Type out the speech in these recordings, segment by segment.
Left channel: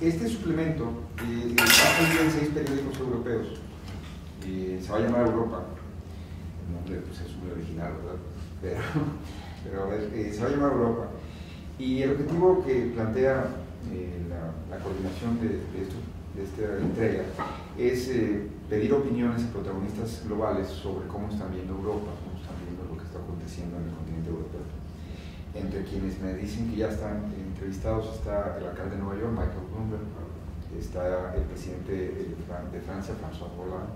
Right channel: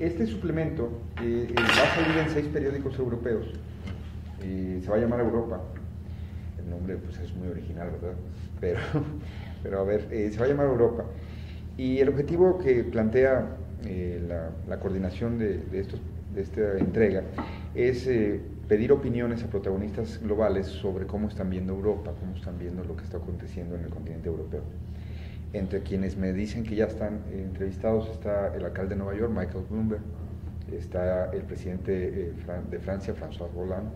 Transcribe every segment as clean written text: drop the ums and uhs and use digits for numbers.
Este suplemento va a salir en 6 periódicos europeos. Se va a llamar Europa. El nombre pues, es muy original, ¿verdad? Pero a ver, se va a llamar Europa. Y el objetivo que plantea la coordinación de esta entrega es pedir opiniones a protagonistas globales sobre cómo están viendo Europa, cómo están viendo lo que está aconteciendo en el continente europeo. Entre quienes me dicen que ya están entrevistados está el alcalde de Nueva York, Michael Bloomberg, está el presidente de Francia, François Hollande,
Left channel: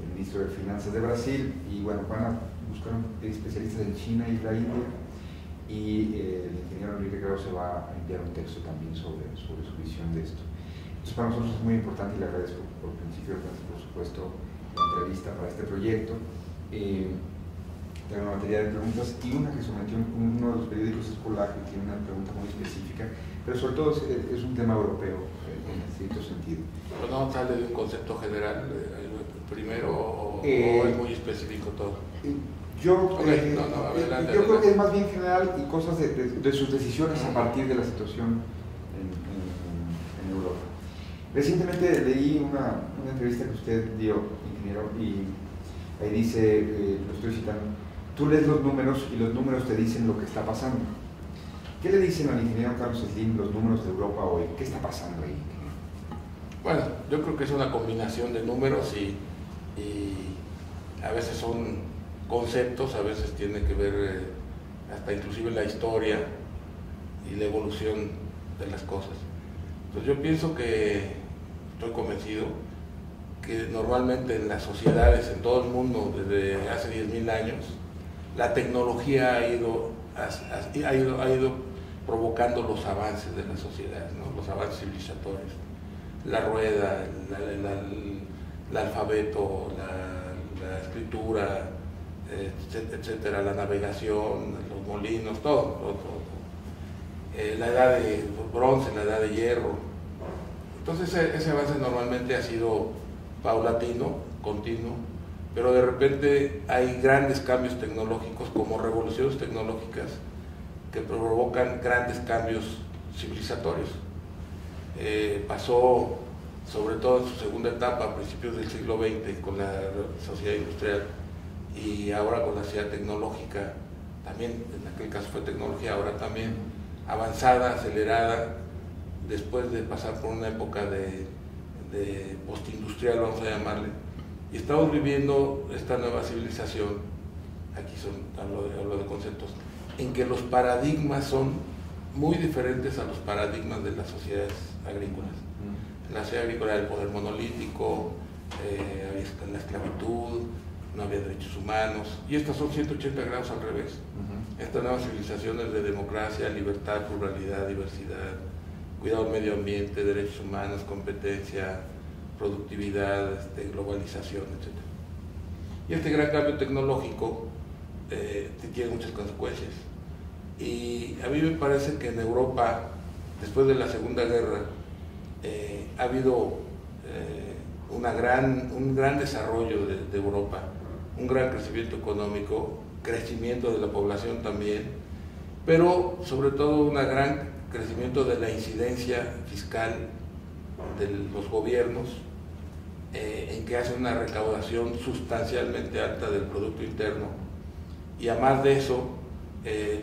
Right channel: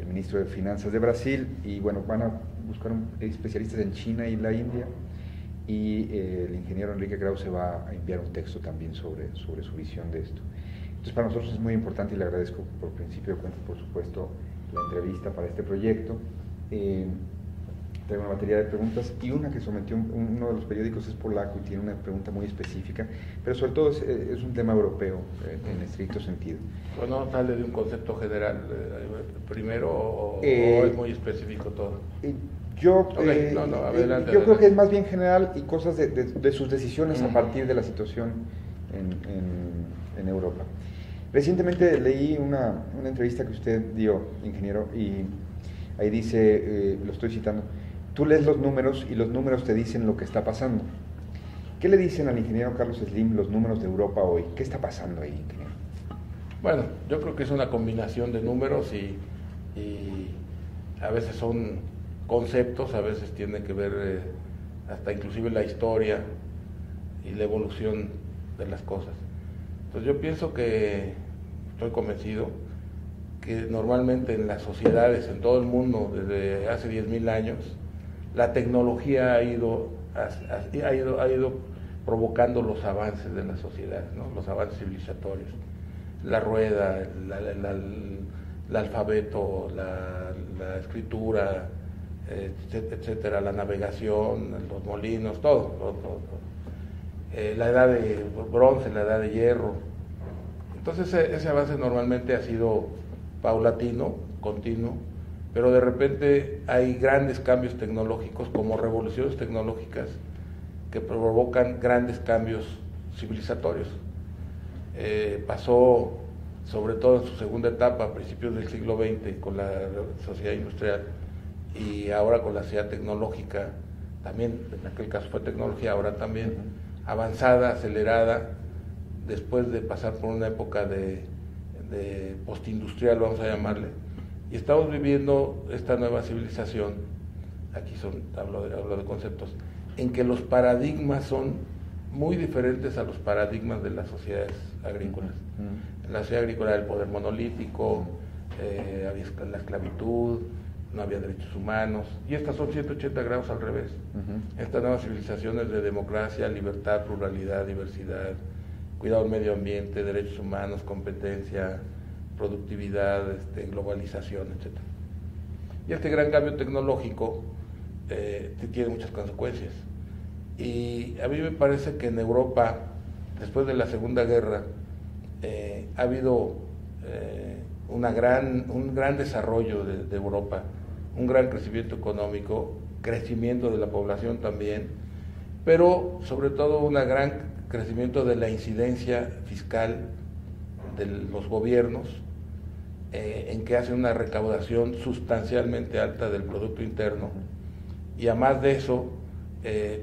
el ministro de Finanzas de Brasil, y bueno, van a buscar especialistas en China y la India, y el ingeniero Enrique Grau se va a enviar un texto también sobre su visión de esto. Entonces para nosotros es muy importante y le agradezco por principio, por supuesto, la entrevista para este proyecto. Tengo una batería de preguntas y una que sometió uno de los periódicos es polaco y tiene una pregunta muy específica, pero sobre todo es un tema europeo en estricto sentido. Bueno, sale de un concepto general primero o es muy específico todo. Yo creo que es más bien general y cosas de sus decisiones a partir de la situación en Europa. Recientemente leí una entrevista que usted dio, ingeniero, y ahí dice, lo estoy citando, tú lees los números y los números te dicen lo que está pasando. ¿Qué le dicen al ingeniero Carlos Slim los números de Europa hoy? ¿Qué está pasando ahí, ingeniero? Bueno, yo creo que es una combinación de números y a veces son conceptos, a veces tiene que ver hasta inclusive la historia y la evolución de las cosas. Entonces yo pienso que, estoy convencido, que normalmente en las sociedades, en todo el mundo, desde hace 10.000 años, la tecnología ha ido provocando los avances de la sociedad, ¿no? Los avances civilizatorios. La rueda, el alfabeto, la escritura, etcétera, la navegación, los molinos, todo. La edad de bronce, la edad de hierro. Entonces ese avance normalmente ha sido paulatino, continuo, pero de repente hay grandes cambios tecnológicos, como revoluciones tecnológicas, que provocan grandes cambios civilizatorios. Pasó, sobre todo en su segunda etapa, a principios del siglo XX, con la sociedad industrial, y ahora con la sociedad tecnológica, también, en aquel caso fue tecnología, ahora también, avanzada, acelerada, después de pasar por una época de postindustrial, vamos a llamarle, y estamos viviendo esta nueva civilización, aquí hablo de conceptos, en que los paradigmas son muy diferentes a los paradigmas de las sociedades agrícolas. En la sociedad agrícola el poder monolítico, había la esclavitud, no había derechos humanos, y estas son 180 grados al revés. Estas nuevas civilizaciones de democracia, libertad, pluralidad, diversidad, cuidado del medio ambiente, derechos humanos, competencia, productividad, globalización, etc. Y este gran cambio tecnológico tiene muchas consecuencias. Y a mí me parece que en Europa, después de la Segunda Guerra, ha habido un gran desarrollo de Europa, un gran crecimiento económico, crecimiento de la población también, pero sobre todo un gran crecimiento de la incidencia fiscal de los gobiernos, en que hacen una recaudación sustancialmente alta del Producto Interno, y además de eso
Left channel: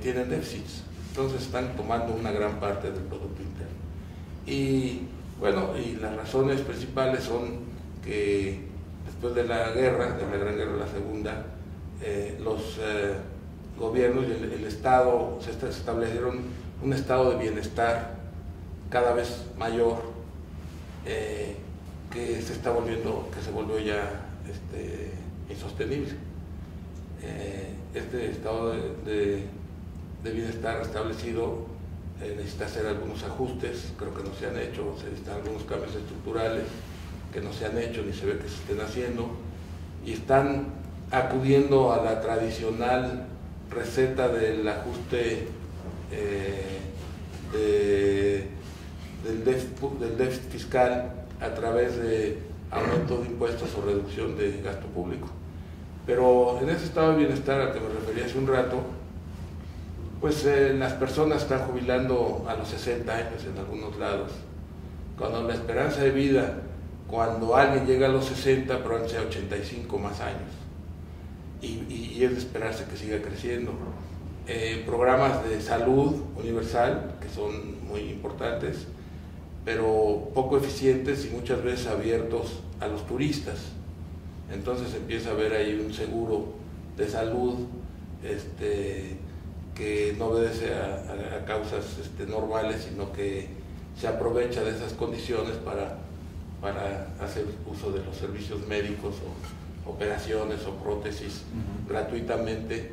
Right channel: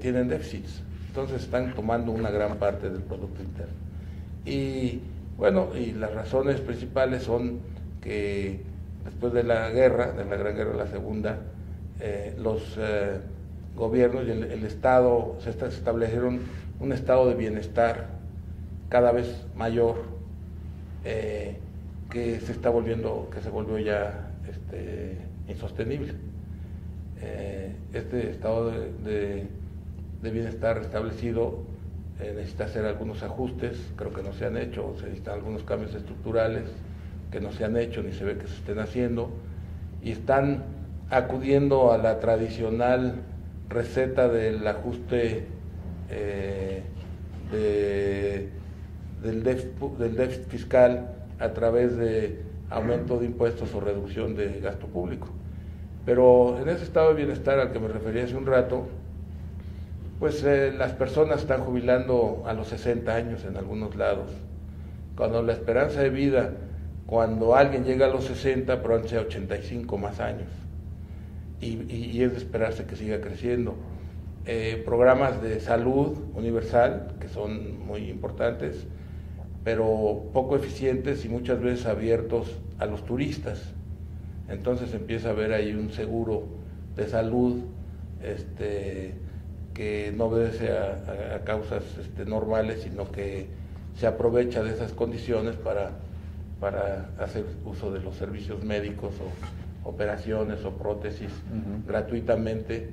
tienen déficits, entonces están tomando una gran parte del Producto Interno. Y bueno, y las razones principales son que después de la Gran Guerra, la Segunda, los gobiernos y el Estado se establecieron un estado de bienestar cada vez mayor, que se volvió ya insostenible. Este estado de bienestar establecido necesita hacer algunos ajustes, creo que no se han hecho, se necesitan algunos cambios estructurales que no se han hecho ni se ve que se estén haciendo, y están acudiendo a la tradicional receta del ajuste del déficit fiscal a través de aumento de impuestos o reducción de gasto público. Pero en ese estado de bienestar al que me refería hace un rato, pues las personas están jubilando a los 60 años en algunos lados, cuando la esperanza de vida, cuando alguien llega a los 60, probablemente sea 85 más años. Y es de esperarse que siga creciendo. Programas de salud universal, que son muy importantes, pero poco eficientes y muchas veces abiertos a los turistas. Entonces empieza a haber ahí un seguro de salud que no obedece a causas normales, sino que se aprovecha de esas condiciones para hacer uso de los servicios médicos o operaciones o prótesis gratuitamente,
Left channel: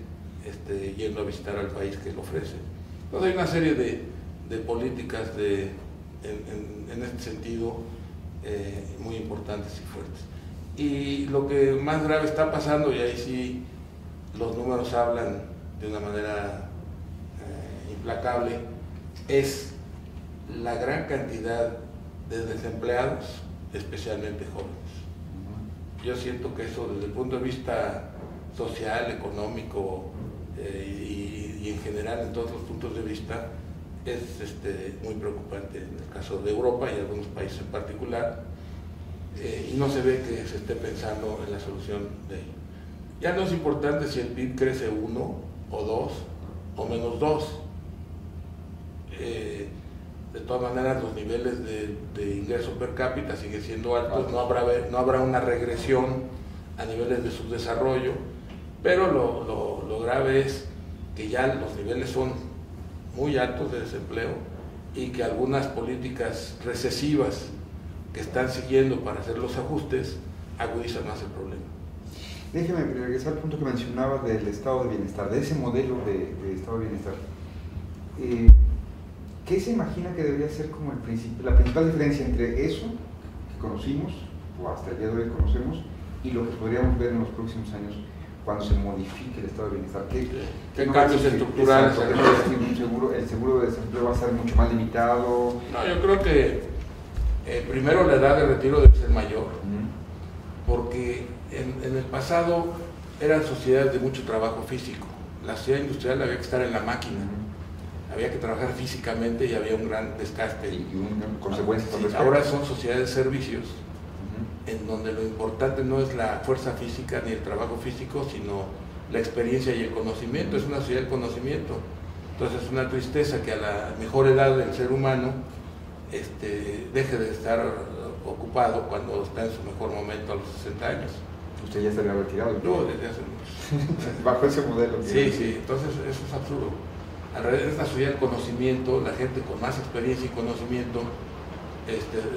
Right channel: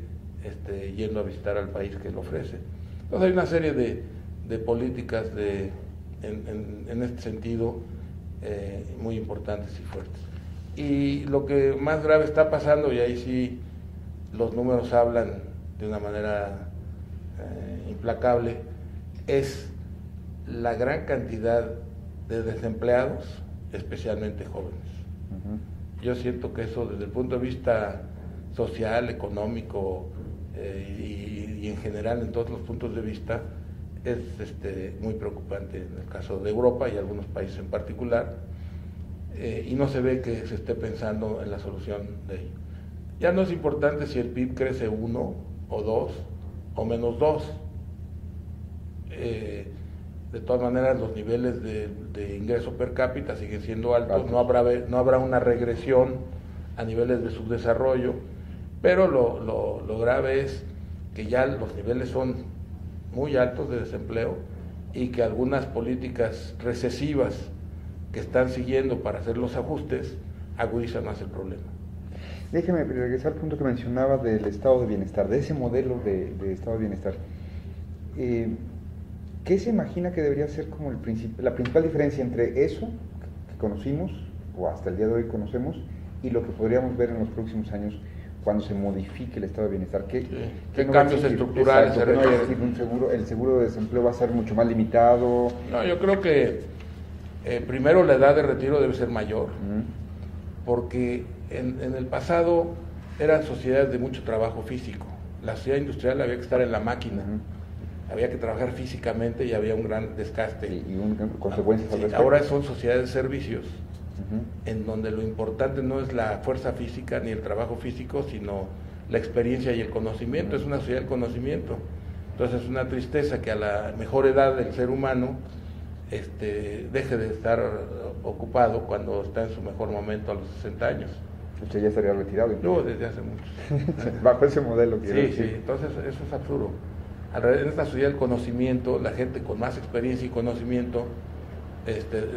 yendo a visitar al país que lo ofrece. Entonces hay una serie de políticas en este sentido muy importantes y fuertes. Y lo que más grave está pasando, y ahí sí los números hablan de una manera implacable, es la gran cantidad de desempleados, especialmente jóvenes. Yo siento que eso, desde el punto de vista social, económico y en general en todos los puntos de vista, es muy preocupante en el caso de Europa y algunos países en particular, y no se ve que se esté pensando en la solución de ello. Ya no es importante si el PIB crece 1 o 2 o menos 2. De todas maneras, los niveles de ingreso per cápita siguen siendo altos, no habrá una regresión a niveles de subdesarrollo, pero lo grave es que ya los niveles son muy altos de desempleo y que algunas políticas recesivas que están siguiendo para hacer los ajustes agudizan más el problema. Déjeme regresar al punto que mencionaba del estado de bienestar, de ese modelo de estado de bienestar. ¿Qué se imagina que debería ser como la principal diferencia entre eso que conocimos, o hasta el día de hoy conocemos, y lo que podríamos ver en los próximos años cuando se modifique el estado de bienestar? ¿Qué cambios estructurales? ¿El seguro de desempleo va a ser mucho más limitado? No, yo creo que primero la edad de retiro debe ser mayor, porque en el pasado eran sociedades de mucho trabajo físico. La sociedad industrial había que estar en la máquina. Había que trabajar físicamente y había un gran desgaste. Y consecuencias. Sí, ahora son sociedades de servicios, en donde lo importante no es la fuerza física ni el trabajo físico, sino la experiencia y el conocimiento. Es una sociedad del conocimiento. Entonces es una tristeza que a la mejor edad del ser humano deje de estar ocupado cuando está en su mejor momento a los 60 años. Usted ya estaría retirado. No, desde hace mucho. Bajo ese modelo. Sí, entonces eso es absurdo. Alrededor de esta sociedad del conocimiento, la gente con más experiencia y conocimiento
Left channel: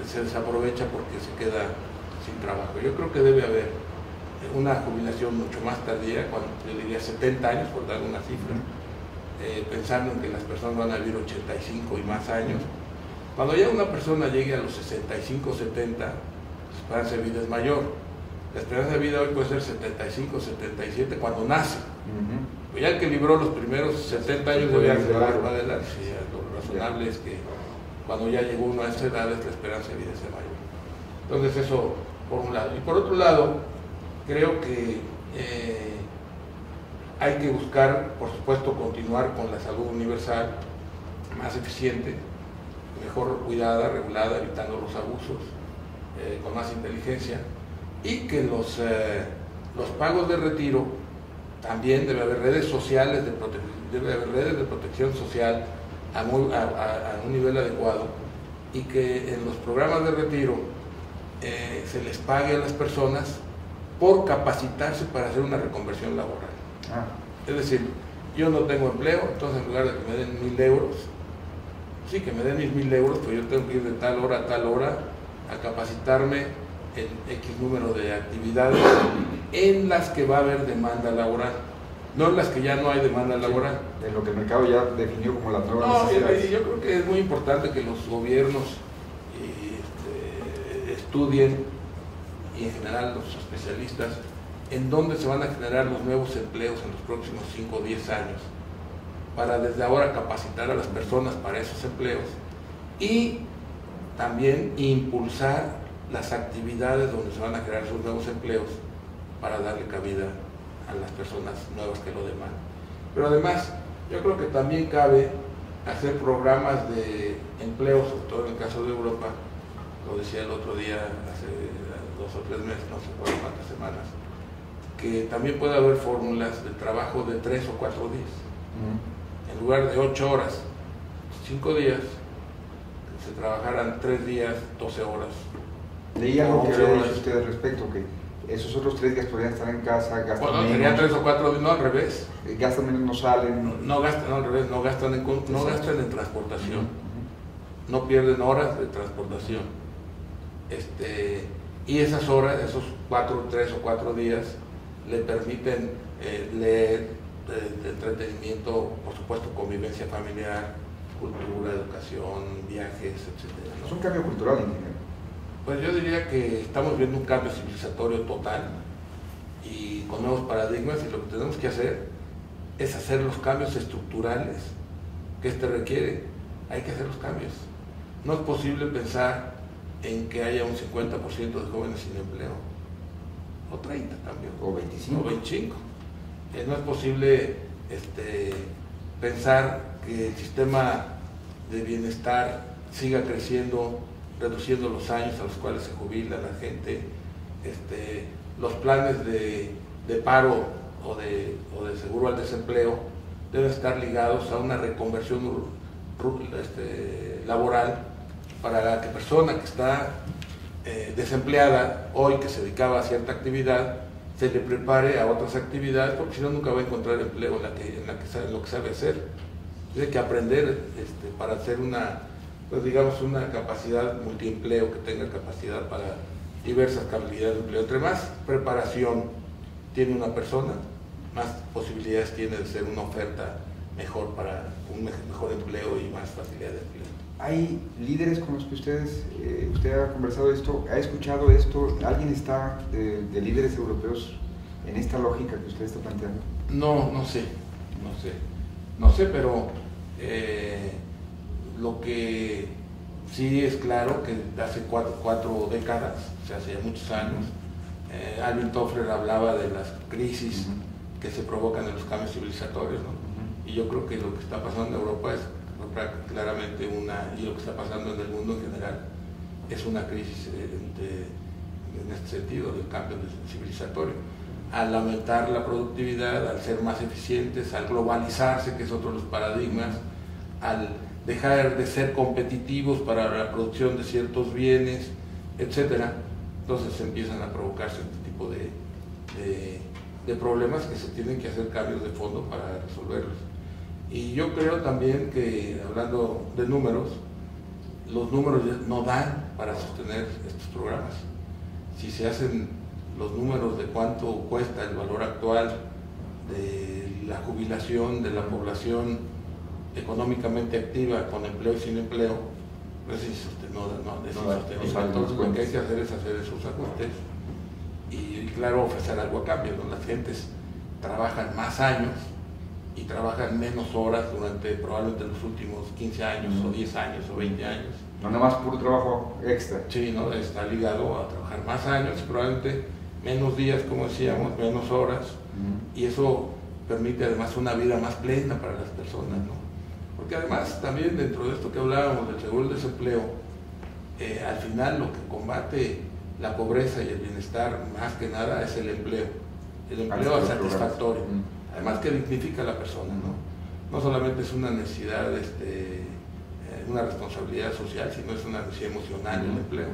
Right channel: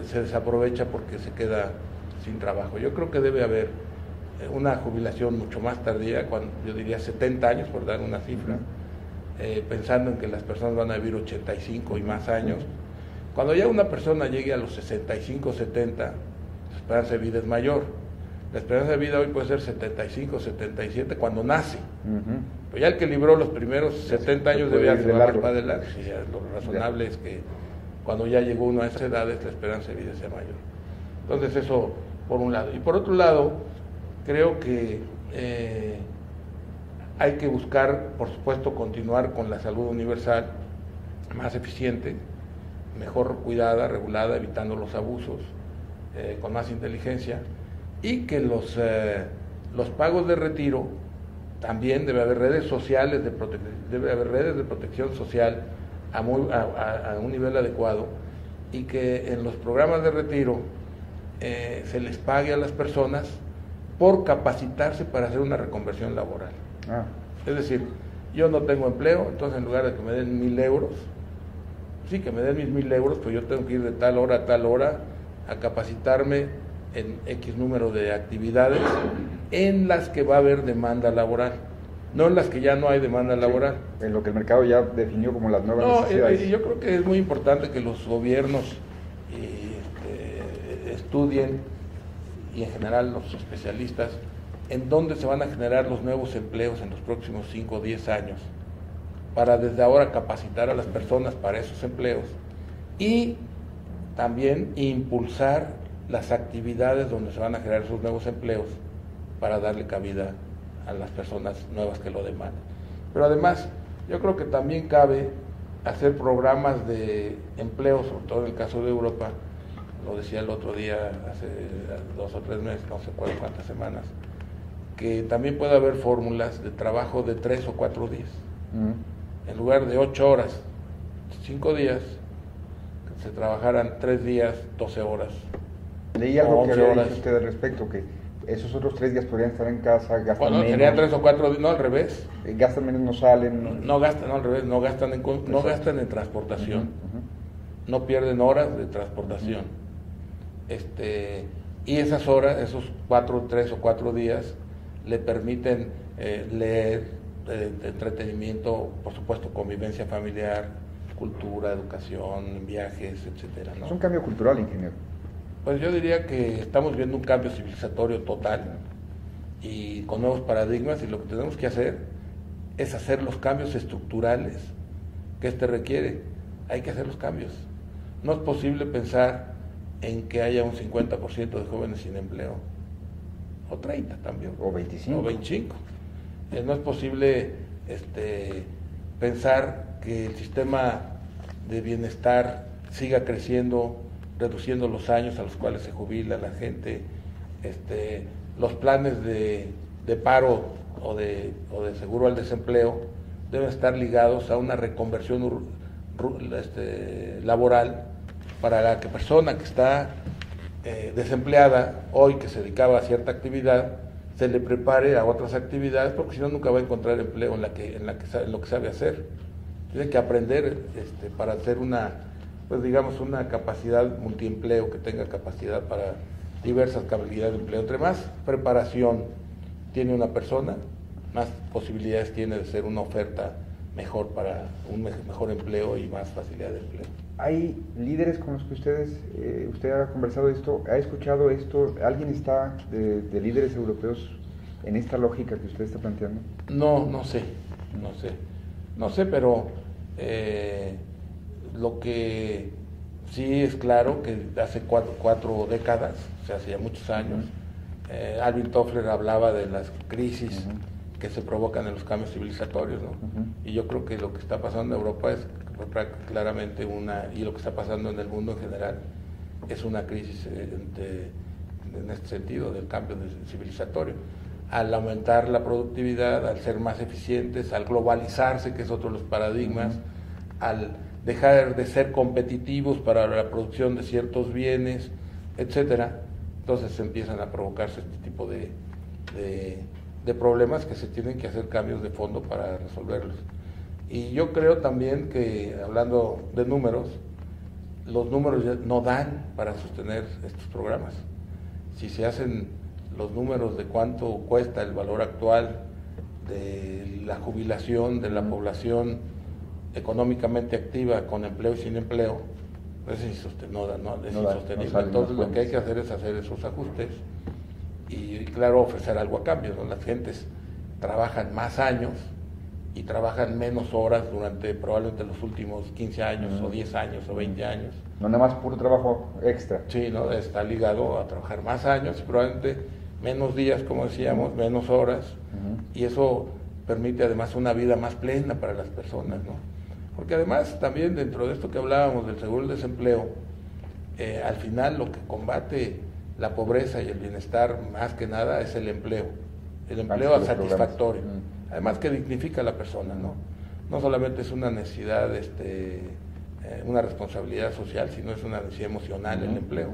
se desaprovecha porque se queda sin trabajo. Yo creo que debe haber una jubilación mucho más tardía, yo diría 70 años, por dar una cifra, pensando en que las personas van a vivir 85 y más años. Cuando ya una persona llegue a los 65 o 70, la esperanza de vida es mayor. La esperanza de vida hoy puede ser 75 o 77 cuando nace. Pues ya el que libró los primeros 70 años debía trabajar para adelante. Sí, lo razonable es que cuando ya llegó uno a esa edad, la esperanza de vida sea mayor. Entonces eso por un lado. Y por otro lado, creo que hay que buscar, por supuesto, continuar con la salud universal más eficiente, mejor cuidada, regulada, evitando los abusos, con más inteligencia, y que los pagos de retiro también debe haber redes sociales, debe haber redes de protección social a un nivel adecuado, y que en los programas de retiro se les pague a las personas por capacitarse para hacer una reconversión laboral. Es decir, yo no tengo empleo, entonces en lugar de que me den 1.000 euros, sí, que me den 1.000 euros, pues yo tengo que ir de tal hora a tal hora a capacitarme en X número de actividades en las que va a haber demanda laboral, no en las que ya no hay demanda laboral. En lo que el mercado ya definió como las nuevas necesidades. Yo creo que es muy importante que los gobiernos estudien, y en general los especialistas, en dónde se van a generar los nuevos empleos en los próximos 5 o 10 años, para desde ahora capacitar a las personas para esos empleos y también impulsar las actividades donde se van a crear esos nuevos empleos para darle cabida a las personas nuevas que lo demandan. Pero además, yo creo que también cabe hacer programas de empleo, sobre todo en el caso de Europa, lo decía el otro día, hace 2 o 3 meses, no sé cuántas semanas, que también puede haber fórmulas de trabajo de 3 o 4 días. En lugar de 8 horas, 5 días, que se trabajaran 3 días, 12 horas. Leí algo que había dicho usted al respecto, que esos otros 3 días podrían estar en casa, gastan menos. Serían 3 o 4 días, no al revés. Gastan menos, no salen. No gastan, no al revés, no gastan en transportación. No pierden horas de transportación. Y esas horas, esos 3 o 4 días, le permiten leer, entretenimiento, por supuesto, convivencia familiar, cultura, educación, viajes, etc. ¿no? Es un cambio cultural, ingeniero. Pues yo diría que estamos viendo un cambio civilizatorio total y con nuevos paradigmas, y lo que tenemos que hacer es hacer los cambios estructurales que requiere. Hay que hacer los cambios. No es posible pensar en que haya un 50% de jóvenes sin empleo, o 30 también, o 25. No es posible pensar que el sistema de bienestar siga creciendo, reduciendo los años a los cuales se jubila la gente. Los planes de paro o de seguro al desempleo deben estar ligados a una reconversión laboral para la persona que está desempleada hoy, que se dedicaba a cierta actividad, se le prepare a otras actividades, porque si no nunca va a encontrar empleo en lo que sabe hacer. Tiene que aprender para hacer una capacidad multiempleo, que tenga capacidad para diversas habilidades de empleo. Entre más preparación tiene una persona, más posibilidades tiene de ser una oferta mejor para un mejor empleo y más facilidad de empleo. ¿Hay líderes con los que usted ha conversado esto? ¿Ha escuchado esto? ¿Alguien está de líderes europeos en esta lógica que usted está planteando? No sé, pero lo que sí es claro que hace 4 décadas, o sea, hace ya muchos años, Alvin Toffler hablaba de las crisis que se provocan en los cambios civilizatorios, ¿no? Y yo creo que lo que está pasando en Europa es claramente y lo que está pasando en el mundo en general, es una crisis en este sentido del cambio civilizatorio. Al aumentar la productividad, al ser más eficientes, al globalizarse, que es otro de los paradigmas, al dejar de ser competitivos para la producción de ciertos bienes, etcétera, entonces empiezan a provocarse este tipo de problemas que se tienen que hacer cambios de fondo para resolverlos. Y yo creo también que, hablando de números, los números ya no dan para sostener estos programas. Si se hacen los números de cuánto cuesta el valor actual de la jubilación de la población económicamente activa con empleo y sin empleo, pues es insostenible. Entonces lo que hay que hacer es hacer esos ajustes y, claro, ofrecer algo a cambio, ¿no? Las gentes trabajan más años y trabajan menos horas durante probablemente los últimos 15 años o 10 años o 20 años. No nada más por un trabajo extra. Sí, ¿no? Está ligado a trabajar más años, probablemente menos días, como decíamos, menos horas, y eso permite además una vida más plena para las personas, ¿no? Porque además también dentro de esto que hablábamos del seguro del desempleo, al final lo que combate la pobreza y el bienestar más que nada es el empleo satisfactorio. Además que dignifica a la persona, ¿no? No solamente es una necesidad, una responsabilidad social, sino es una necesidad emocional el empleo.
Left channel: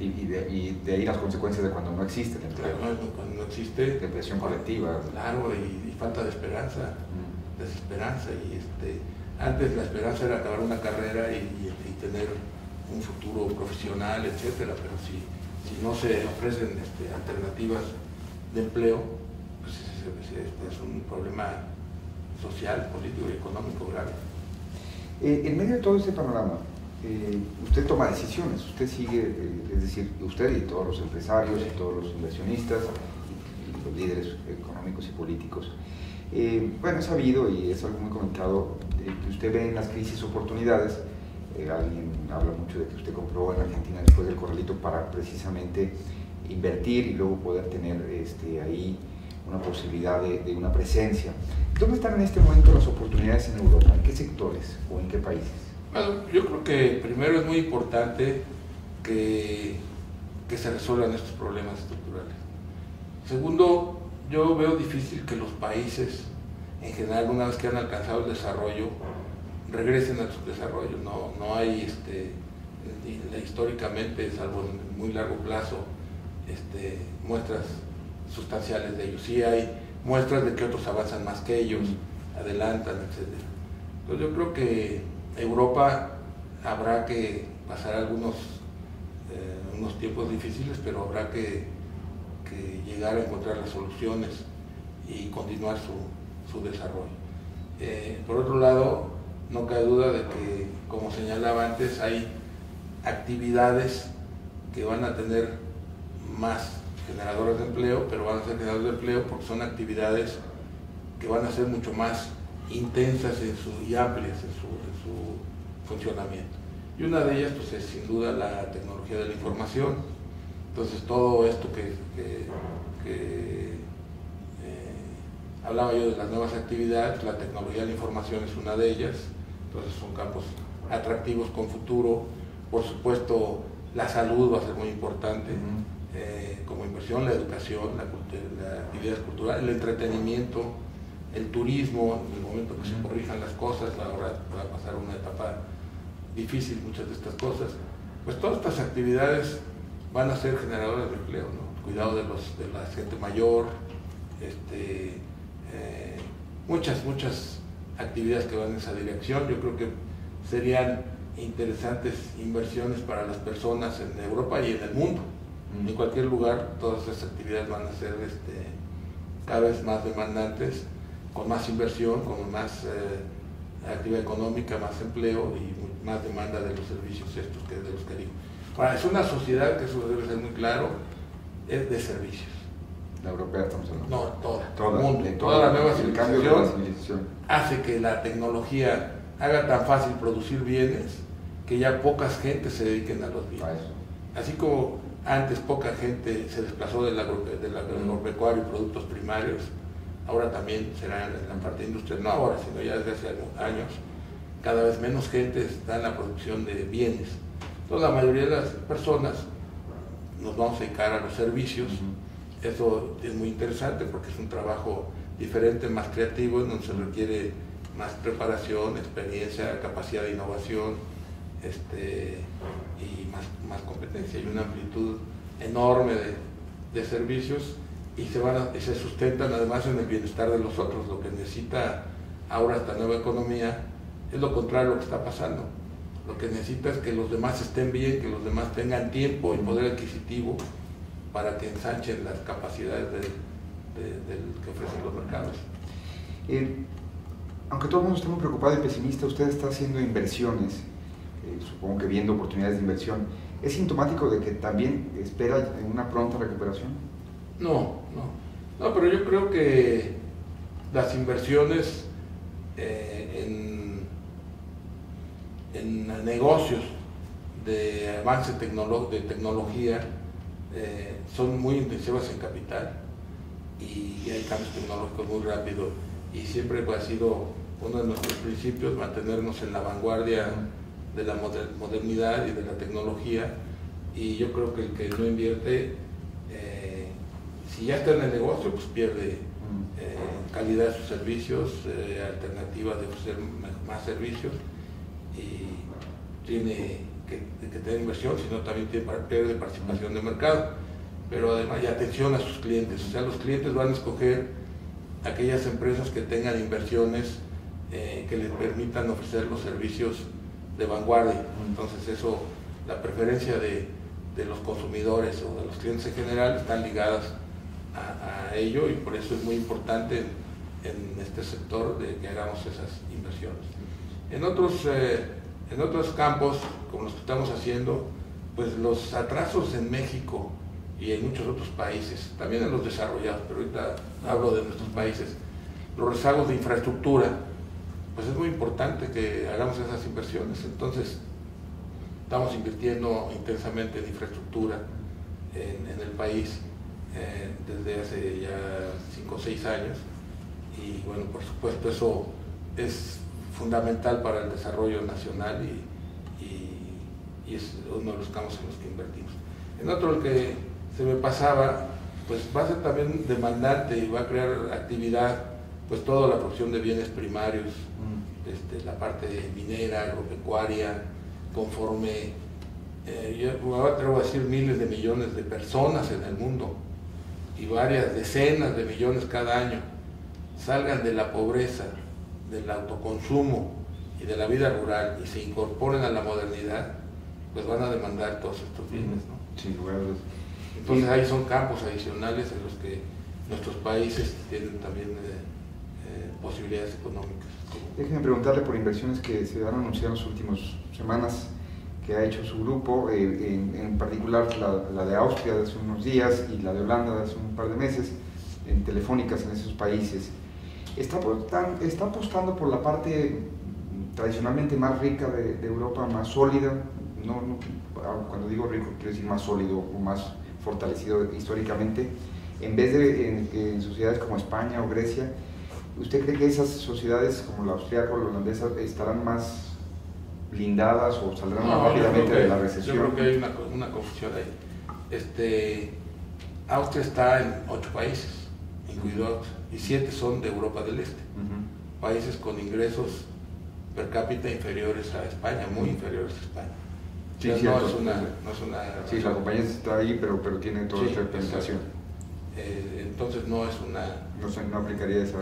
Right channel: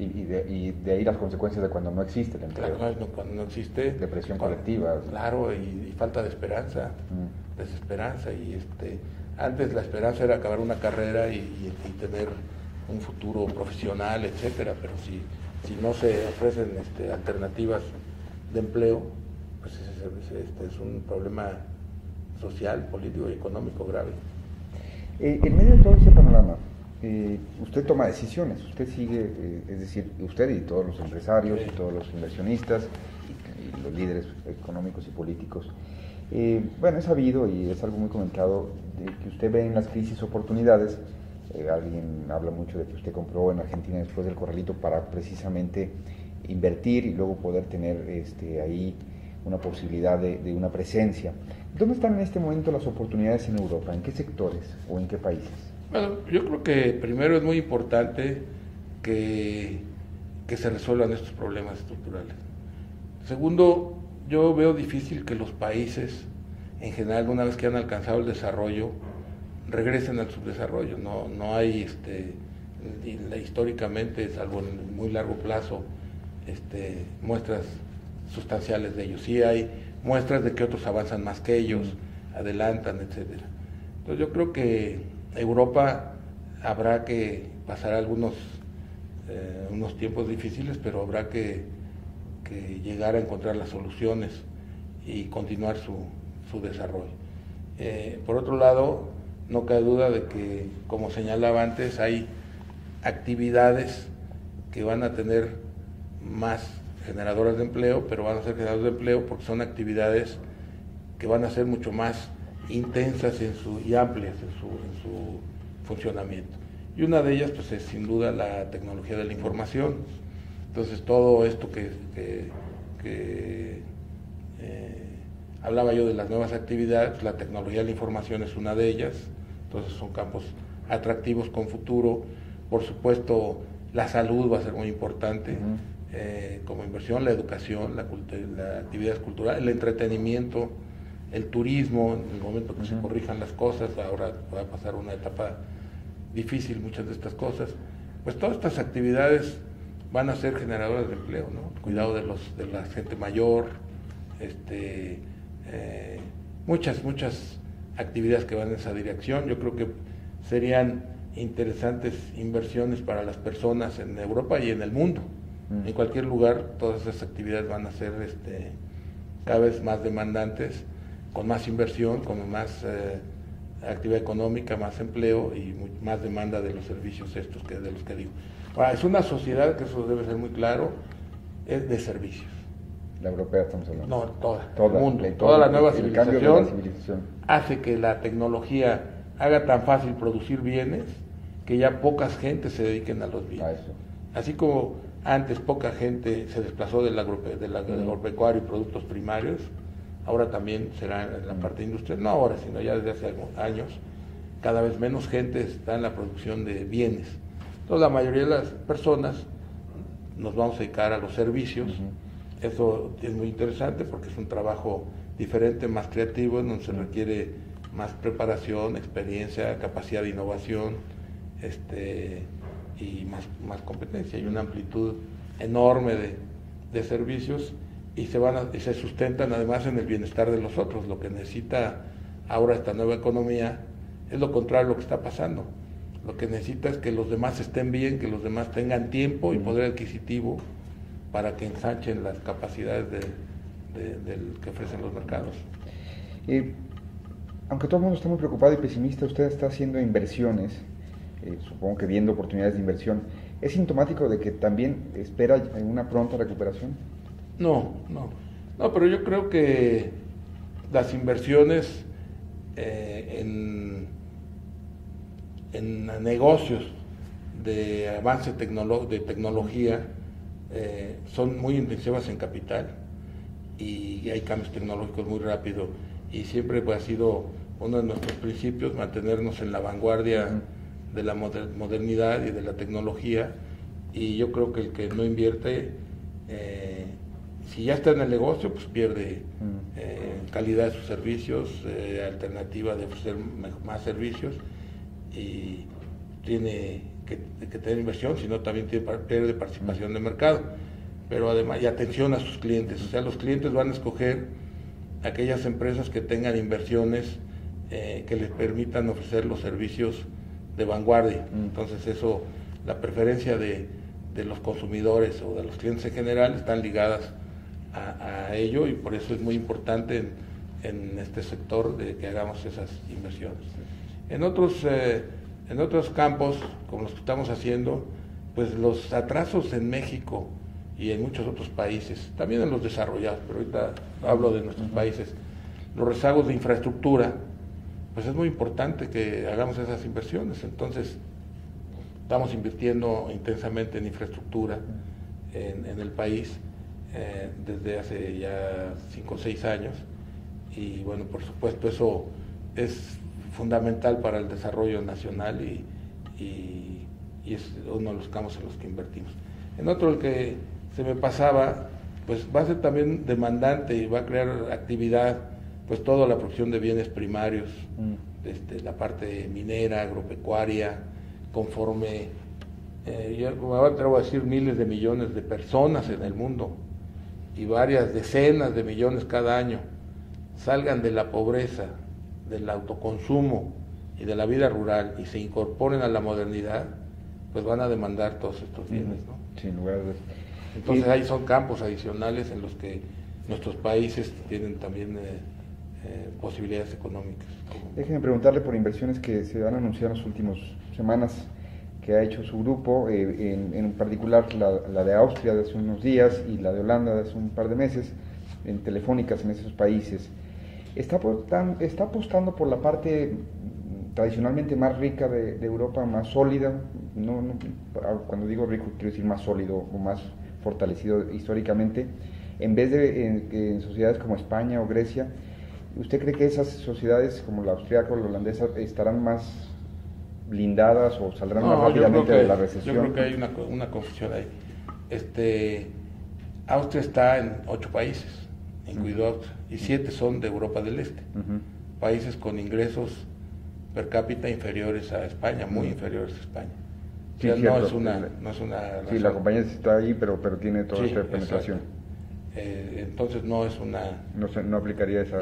Y de ahí las consecuencias de cuando no existe el empleo. Claro, cuando no existe. Depresión colectiva. Claro, y falta de esperanza, desesperanza. Y antes la esperanza era acabar una carrera y tener un futuro profesional, etcétera, pero si no se ofrecen alternativas de empleo, pues es un problema social, político y económico grave. En medio de todo este panorama, usted toma decisiones, usted sigue, es decir, usted y todos los empresarios y todos los inversionistas y los líderes económicos y políticos. Bueno, es sabido y es algo muy comentado que usted ve en las crisis oportunidades. Alguien habla mucho de que usted compró en Argentina después del Corralito para precisamente invertir y luego poder tener ahí una posibilidad de una presencia. ¿Dónde están en este momento las oportunidades en Europa? ¿En qué sectores o en qué países? Bueno, yo creo que primero es muy importante que se resuelvan estos problemas estructurales. Segundo, yo veo difícil que los países, en general, una vez que han alcanzado el desarrollo, regresen al subdesarrollo. No hay, históricamente, salvo en muy largo plazo, muestras sustanciales de ellos. Sí hay muestras de que otros avanzan más que ellos, adelantan, etc. Entonces yo creo que Europa habrá que pasar unos tiempos difíciles, pero habrá que llegar a encontrar las soluciones y continuar su desarrollo. Por otro lado, no cabe duda de que, como señalaba antes, hay actividades que van a tener más generadoras de empleo, pero van a ser generadoras de empleo porque son actividades que van a ser mucho más intensas y amplias en su funcionamiento. Y una de ellas, pues, es sin duda la tecnología de la información. Entonces, todo esto hablaba yo de las nuevas actividades, la tecnología de la información es una de ellas. Entonces, son campos atractivos con futuro. Por supuesto, la salud va a ser muy importante como inversión, la educación, la actividad cultural, el entretenimiento, el turismo. En el momento que se corrijan las cosas, ahora va a pasar una etapa difícil, muchas de estas cosas, pues todas estas actividades van a ser generadoras de empleo, ¿no? Cuidado de la gente mayor, muchas actividades que van en esa dirección. Yo creo que serían interesantes inversiones para las personas en Europa y en el mundo. En cualquier lugar, todas esas actividades van a ser cada vez más demandantes, con más inversión, con más actividad económica, más empleo y más demanda de los servicios estos de los que digo. Ahora, es una sociedad, que eso debe ser muy claro, es de servicios. La europea estamos hablando. No, toda el mundo, toda la nueva civilización hace que la tecnología haga tan fácil producir bienes que ya pocas gentes se dediquen a los bienes. Así como antes poca gente se desplazó del agropecuario y productos primarios, ahora también será en la parte industrial, no ahora, sino ya desde hace algunos años, cada vez menos gente está en la producción de bienes. Entonces, la mayoría de las personas nos vamos a dedicar a los servicios. Eso es muy interesante porque es un trabajo diferente, más creativo, en donde se requiere más preparación, experiencia, capacidad de innovación, y más competencia, y una amplitud enorme de servicios, y se sustentan además en el bienestar de los otros. Lo que necesita ahora esta nueva economía es lo contrario de lo que está pasando. Lo que necesita es que los demás estén bien, que los demás tengan tiempo y poder adquisitivo para que ensanchen las capacidades que ofrecen los mercados. Aunque todo el mundo está muy preocupado y pesimista, usted está haciendo inversiones, supongo que viendo oportunidades de inversión. ¿Es sintomático de que también espera una pronta recuperación? No, pero yo creo que las inversiones en negocios de avance de tecnología son muy intensivas en capital, y hay cambios tecnológicos muy rápidos, y siempre ha sido uno de nuestros principios mantenernos en la vanguardia de la modernidad y de la tecnología. Y yo creo que el que no invierte, si ya está en el negocio, pues pierde calidad de sus servicios, alternativa de ofrecer más servicios, y tiene que tener inversión, sino también pierde participación de mercado. Pero además, y atención a sus clientes, o sea, los clientes van a escoger aquellas empresas que tengan inversiones que les permitan ofrecer los servicios de vanguardia. Entonces eso, la preferencia de los consumidores o de los clientes en general están ligadas a ello, y por eso es muy importante en este sector de que hagamos esas inversiones. En otros campos, como los que estamos haciendo, pues los atrasos en México y en muchos otros países, también en los desarrollados, pero ahorita hablo de nuestros países, los rezagos de infraestructura, pues es muy importante que hagamos esas inversiones. Entonces, estamos invirtiendo intensamente en infraestructura en el país desde hace ya 5 o 6 años, y bueno, por supuesto eso es fundamental para el desarrollo nacional y y es uno de los campos en los que invertimos. En otro, el que se me pasaba, pues va a ser también demandante y va a crear actividad, pues toda la producción de bienes primarios, la parte minera, agropecuaria, conforme, yo me atrevo a decir, miles de millones de personas en el mundo y varias decenas de millones cada año salgan de la pobreza, del autoconsumo y de la vida rural y se incorporen a la modernidad, pues van a demandar todos estos bienes, ¿no? Sin lugar a dudas. Entonces ahí son campos adicionales en los que nuestros países tienen también posibilidades económicas. Déjeme preguntarle por inversiones que se han anunciado en las últimas semanas que ha hecho su grupo, en particular la de Austria de hace unos días y la de Holanda de hace un par de meses, en telefónicas en esos países. Está apostando por la parte tradicionalmente más rica de Europa, más sólida, cuando digo rico quiero decir más sólido o más fortalecido históricamente, en vez de en sociedades como España o Grecia. ¿Usted cree que esas sociedades como la austríaca o la holandesa estarán más blindadas o saldrán más rápidamente de la recesión? Yo creo que hay una confusión ahí. Austria está en 8 países, incluido Austria, y 7 son de Europa del Este. Países con ingresos per cápita inferiores a España, muy inferiores a España. Sí, no es una sí, la compañía está ahí, pero tiene toda esta penetración. Entonces no es una... No aplicaría esa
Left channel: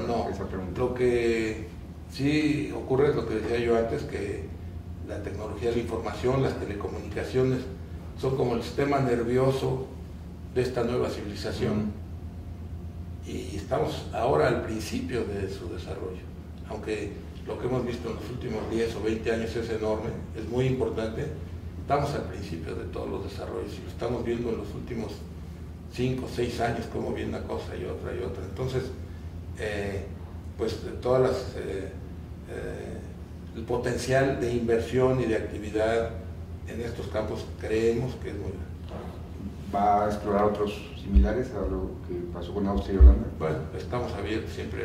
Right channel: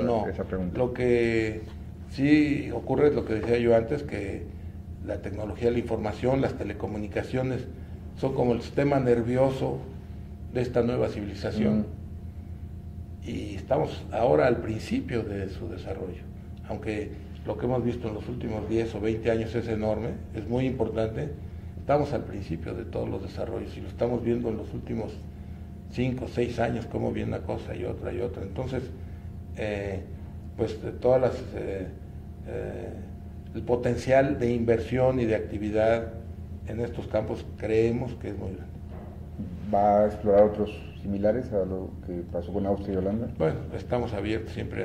pregunta. Lo que sí ocurre es lo que decía yo antes, que la tecnología de la información, las telecomunicaciones, son como el sistema nervioso de esta nueva civilización. Y estamos ahora al principio de su desarrollo. Aunque lo que hemos visto en los últimos 10 o 20 años es enorme, es muy importante, estamos al principio de todos los desarrollos y lo estamos viendo en los últimos 5 o 6 años, cómo viene una cosa y otra y otra. Entonces, pues todas el potencial de inversión y de actividad en estos campos creemos que es muy grande. ¿Va a explorar otros similares a lo que pasó con Austria y Holanda? Bueno, estamos abiertos siempre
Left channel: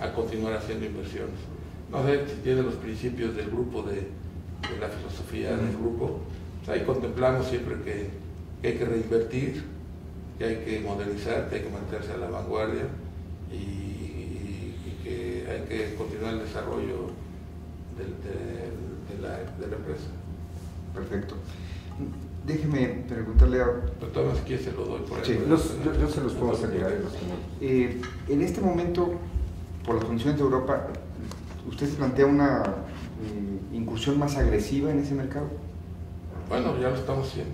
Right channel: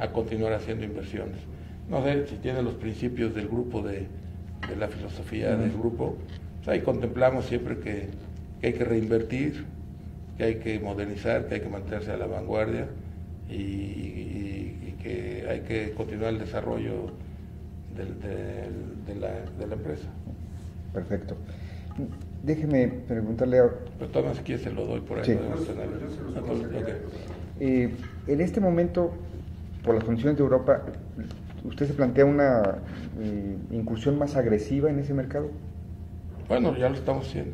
a continuar haciendo inversiones. No sé si tiene los principios del grupo, de la filosofía del grupo, pues ahí contemplamos siempre que hay que reinvertir, que hay que modernizar, que hay que mantenerse a la vanguardia y que hay que continuar el desarrollo de la empresa. Perfecto. Déjeme preguntarle a... Pero todavía si quiere se lo doy por ahí. Sí, yo se los puedo hacer llegar. En este momento, por las condiciones de Europa, ¿usted se plantea una incursión más agresiva en ese mercado? Bueno, ya lo estamos haciendo.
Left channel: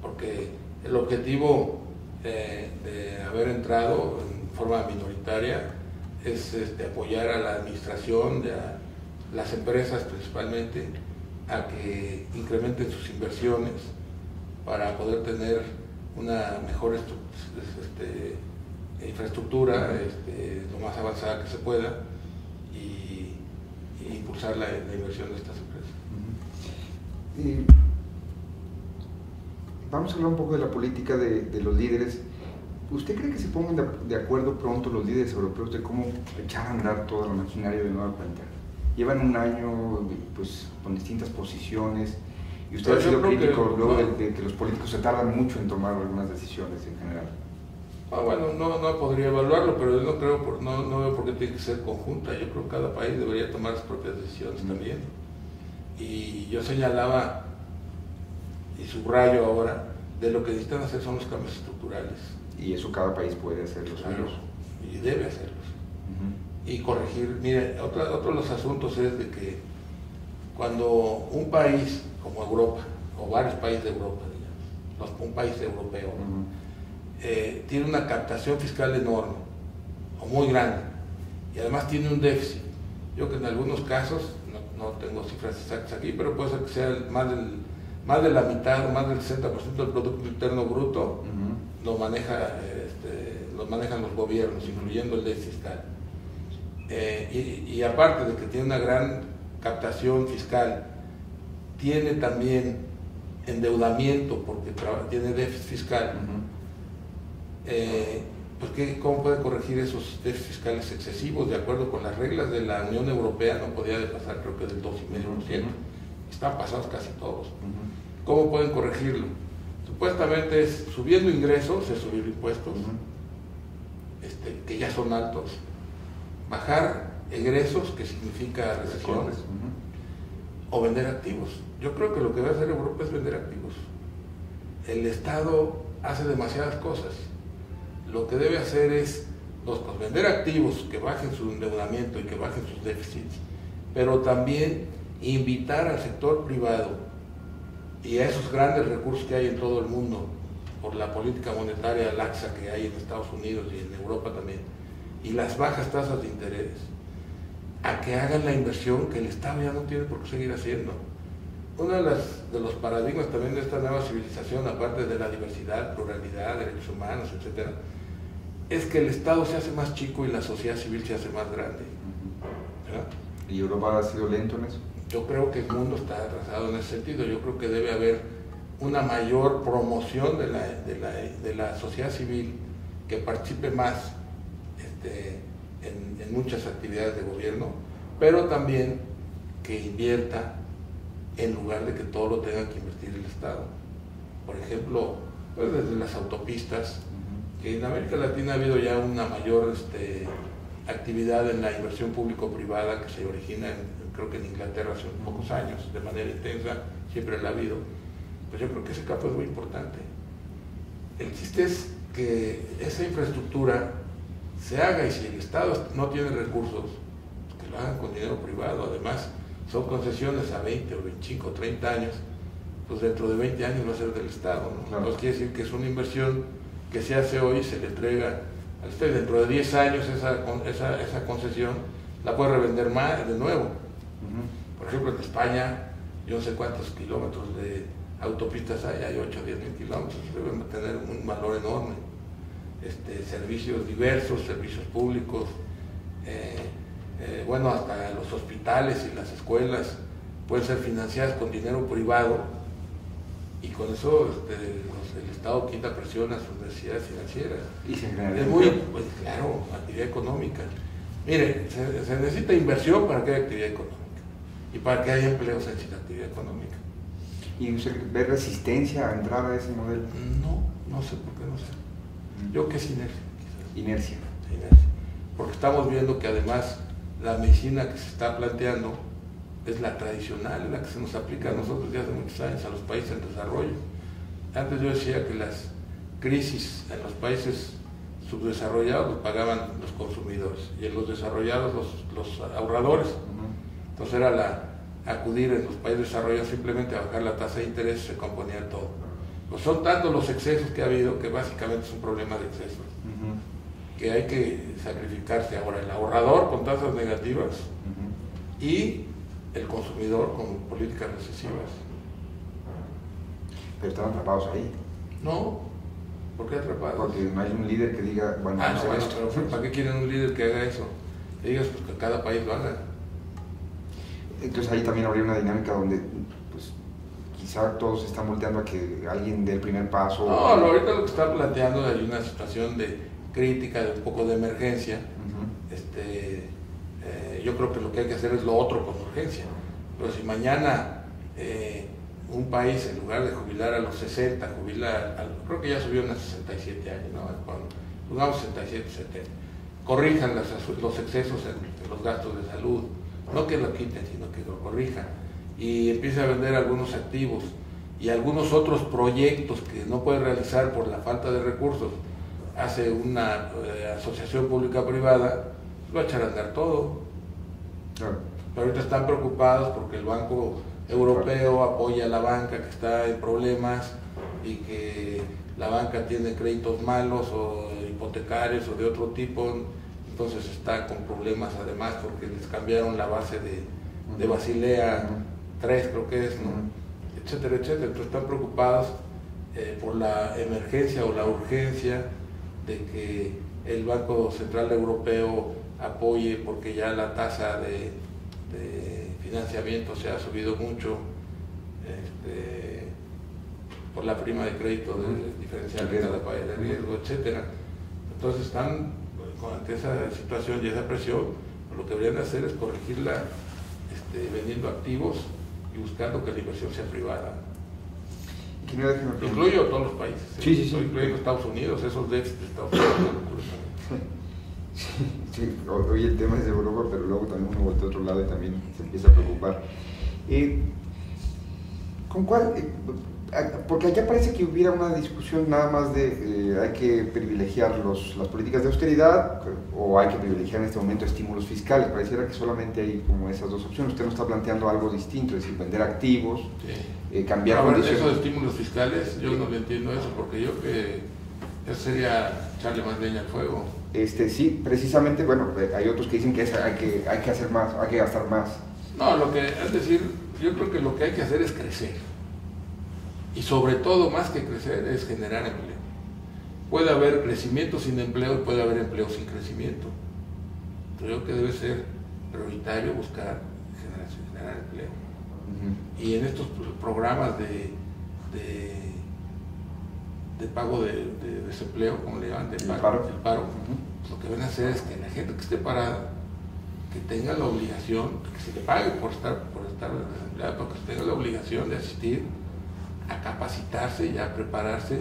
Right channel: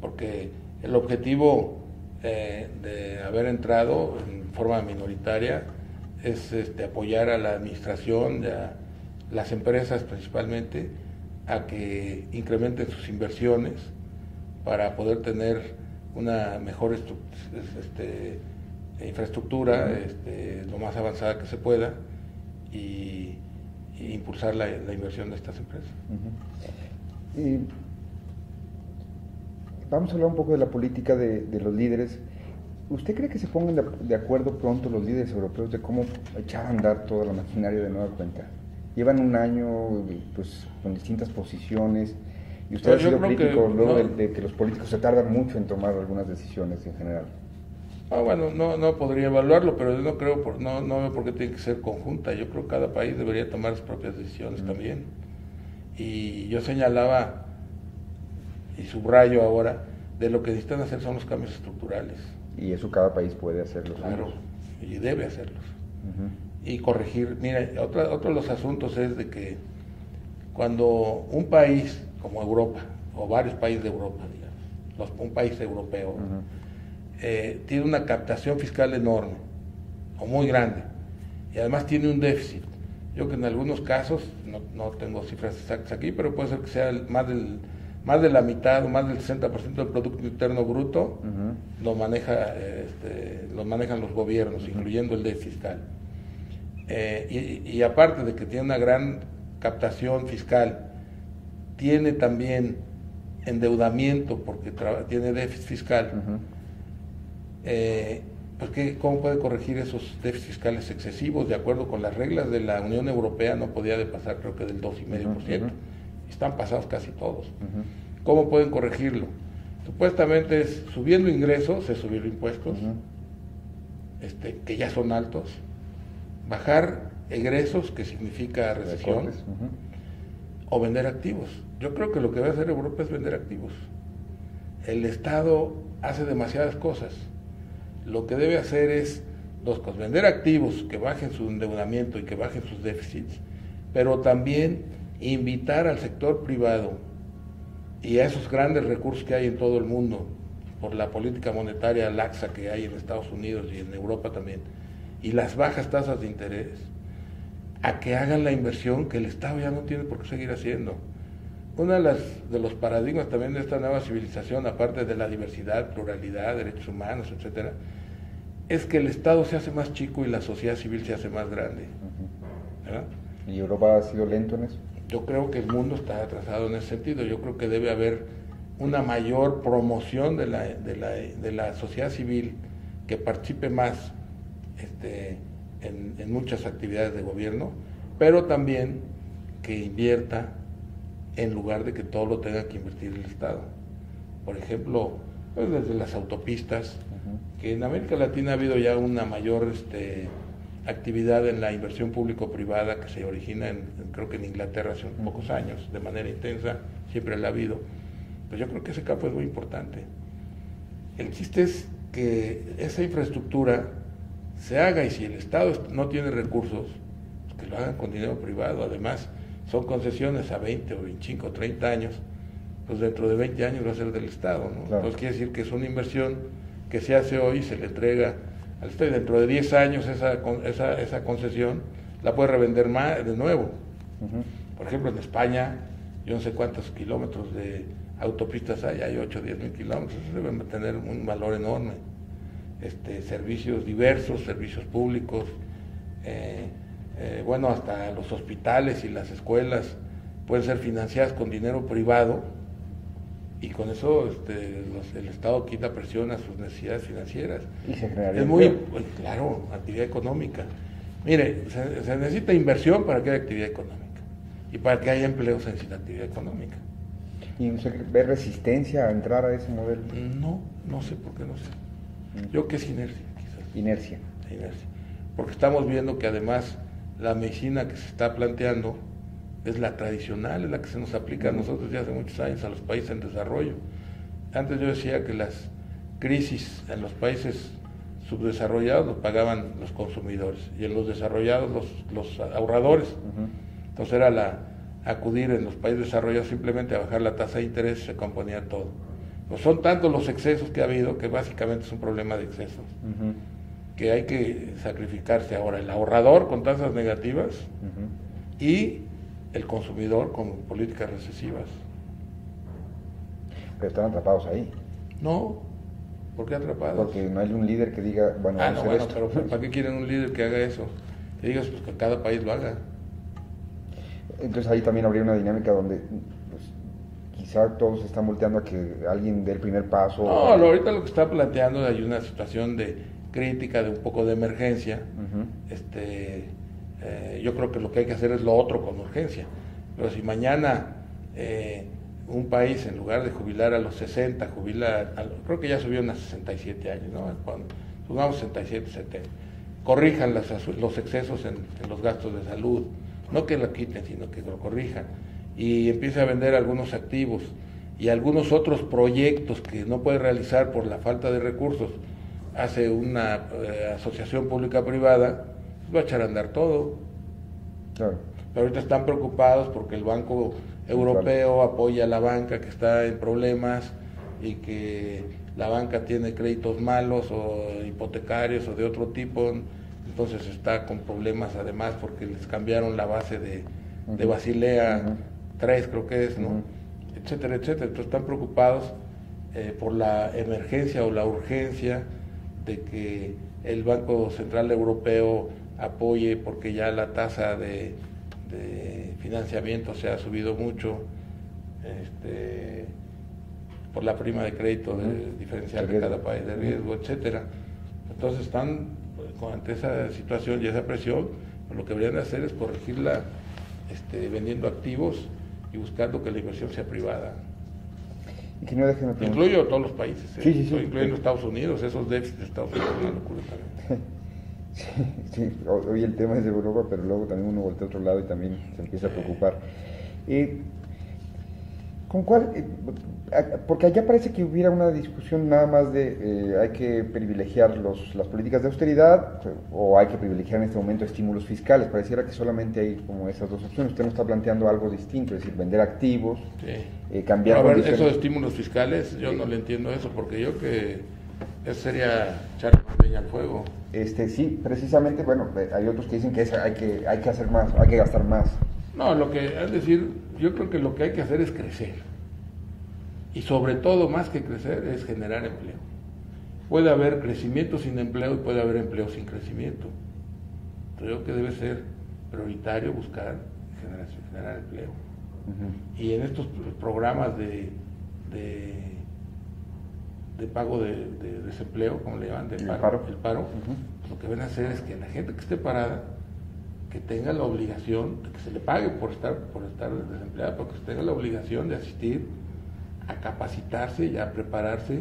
Porque el objetivo de haber entrado en forma minoritaria es apoyar a la administración, a las empresas principalmente, a que incrementen sus inversiones para poder tener una mejor infraestructura lo más avanzada que se pueda y impulsar la inversión de estas empresas. Vamos a hablar un poco de la política de los líderes. ¿Usted cree que se pongan de acuerdo pronto los líderes europeos de cómo echar a andar toda la maquinaria de nueva cuenta? Llevan un año pues, con distintas posiciones y usted ha sido crítico luego de que los políticos se tardan mucho en tomar algunas decisiones en general. Bueno, no podría evaluarlo, pero yo no creo, no veo por qué tiene que ser conjunta. Yo creo que cada país debería tomar sus propias decisiones también. Y yo señalaba y subrayo ahora, de lo que necesitan hacer son los cambios estructurales. Y eso cada país puede hacerlo. Claro, y debe hacerlos. Y corregir. Mira, otro de los asuntos es de que cuando un país como Europa, o varios países de Europa, digamos, un país europeo, tiene una captación fiscal enorme, o muy grande, y además tiene un déficit. Yo que en algunos casos, no tengo cifras exactas aquí, pero puede ser que sea más de la mitad o más del 60% del Producto Interno Bruto lo manejan los gobiernos, incluyendo el déficit fiscal. Y aparte de que tiene una gran captación fiscal, tiene también endeudamiento porque tiene déficit fiscal. Pues ¿cómo puede corregir esos déficits fiscales excesivos? De acuerdo con las reglas de la Unión Europea no podía pasar, creo que del 2,5%. están pasados casi todos. ¿Cómo pueden corregirlo? Supuestamente es subiendo ingresos, es subir impuestos, que ya son altos, bajar egresos, que significa recesión, o vender activos. Yo creo que lo que va a hacer Europa es vender activos. El Estado hace demasiadas cosas. Lo que debe hacer es dos cosas: vender activos, que bajen su endeudamiento y que bajen sus déficits, pero también invitar al sector privado y a esos grandes recursos que hay en todo el mundo por la política monetaria laxa que hay en Estados Unidos y en Europa también, y las bajas tasas de interés, a que hagan la inversión que el Estado ya no tiene por qué seguir haciendo. Uno de los paradigmas también de esta nueva civilización, aparte de la diversidad, pluralidad, derechos humanos, etcétera, es que el Estado se hace más chico y la sociedad civil se hace más grande. ¿Verdad? ¿Y Europa ha sido lento en eso? Yo creo que el mundo está atrasado en ese sentido. Yo creo que debe haber una mayor promoción de la sociedad civil, que participe más en muchas actividades de gobierno, pero también que invierta en lugar de que todo lo tenga que invertir el Estado. Por ejemplo, pues desde las autopistas, que en América Latina ha habido ya una mayor actividad en la inversión público-privada que se origina, creo que en Inglaterra hace unos pocos años, de manera intensa, siempre la ha habido. Pues yo creo que ese campo es muy importante. El chiste es que esa infraestructura se haga, y si el Estado no tiene recursos, pues que lo hagan con dinero privado. Además, son concesiones a 20 o 25 o 30 años, pues dentro de 20 años va a ser del Estado, ¿no? Claro. Entonces quiere decir que es una inversión que se hace hoy y se le entrega al Estado. Dentro de 10 años esa concesión la puede revender más de nuevo. Por ejemplo, en España, yo no sé cuántos kilómetros de autopistas hay 8 o 10 mil kilómetros, deben tener un valor enorme. Servicios diversos, servicios públicos, bueno, hasta los hospitales y las escuelas pueden ser financiadas con dinero privado, y con eso el Estado quita presión a sus necesidades financieras. Y se genera es muy, pues, claro, actividad económica. Mire, se necesita inversión para que haya actividad económica, y para que haya empleo se necesita actividad económica. ¿Y ve resistencia a entrar a ese modelo? No sé por qué, no sé. Yo que es inercia, quizás. Inercia. Porque estamos viendo que además la medicina que se está planteando es la tradicional, es la que se nos aplica a nosotros ya hace muchos años, a los países en desarrollo. Antes yo decía que las crisis en los países subdesarrollados los pagaban los consumidores, y en los desarrollados los ahorradores. Entonces era acudir en los países desarrollados simplemente a bajar la tasa de interés, se componía todo. Pues son tantos los excesos que ha habido, que básicamente es un problema de excesos, que hay que sacrificarse ahora el ahorrador con tasas negativas y el consumidor con políticas recesivas. Pero están atrapados ahí. No, ¿por qué atrapados? Porque no hay un líder que diga, bueno, no, pero ¿para qué quieren un líder que haga eso? Que digas, pues que cada país lo haga. Entonces ahí también habría una dinámica donde pues, quizá todos se están volteando a que alguien dé el primer paso. No, ahorita lo que está planteando hay una situación de crítica, de un poco de emergencia. Yo creo que lo que hay que hacer es lo otro con urgencia. Pero si mañana un país, en lugar de jubilar a los 60, creo que ya subieron a 67 años, ¿no? Pongamos 67, 70. Corrijan los excesos en los gastos de salud. No que lo quiten, sino que lo corrijan. Y empieza a vender algunos activos y algunos otros proyectos que no puede realizar por la falta de recursos. Hace una asociación pública-privada, va a echar a andar todo. Claro. Pero ahorita están preocupados porque el Banco Europeo apoya a la banca que está en problemas, y que la banca tiene créditos malos o hipotecarios o de otro tipo. Entonces está con problemas además porque les cambiaron la base de Basilea 3, creo que es, ¿no? Etcétera, etcétera. Entonces están preocupados por la emergencia o la urgencia de que el Banco Central Europeo apoye, porque ya la tasa de financiamiento se ha subido mucho por la prima de crédito diferencial de cada país de riesgo, etcétera. Entonces están ante esa situación y esa presión. Lo que deberían hacer es corregirla vendiendo activos y y buscando que la inversión sea privada. Incluyo a todos los países, sí. Incluyendo Estados Unidos, esos déficits de Estados Unidos. Sí, hoy el tema es de Europa, pero luego también uno voltea a otro lado y también se empieza a preocupar. ¿Con cuál? Porque allá parece que hubiera una discusión nada más de hay que privilegiar las políticas de austeridad o hay que privilegiar en este momento estímulos fiscales. Pareciera que solamente hay como esas dos opciones. Usted nos está planteando algo distinto, es decir, vender activos, cambiar condiciones. Eso de estímulos fiscales, yo no le entiendo eso, porque yo que eso sería echarle más leña al fuego. Sí, precisamente, bueno, hay otros que dicen que hay que hacer más, hay que gastar más. No, es decir, yo creo que lo que hay que hacer es crecer. Y sobre todo, más que crecer, es generar empleo. Puede haber crecimiento sin empleo y puede haber empleo sin crecimiento. Creo que debe ser prioritario buscar generar empleo. Y en estos programas de pago de desempleo, como le llaman, del paro, pues lo que van a hacer es que la gente que esté parada, que tenga la obligación, que se le pague por estar desempleado, pero que tenga la obligación de asistir a capacitarse y a prepararse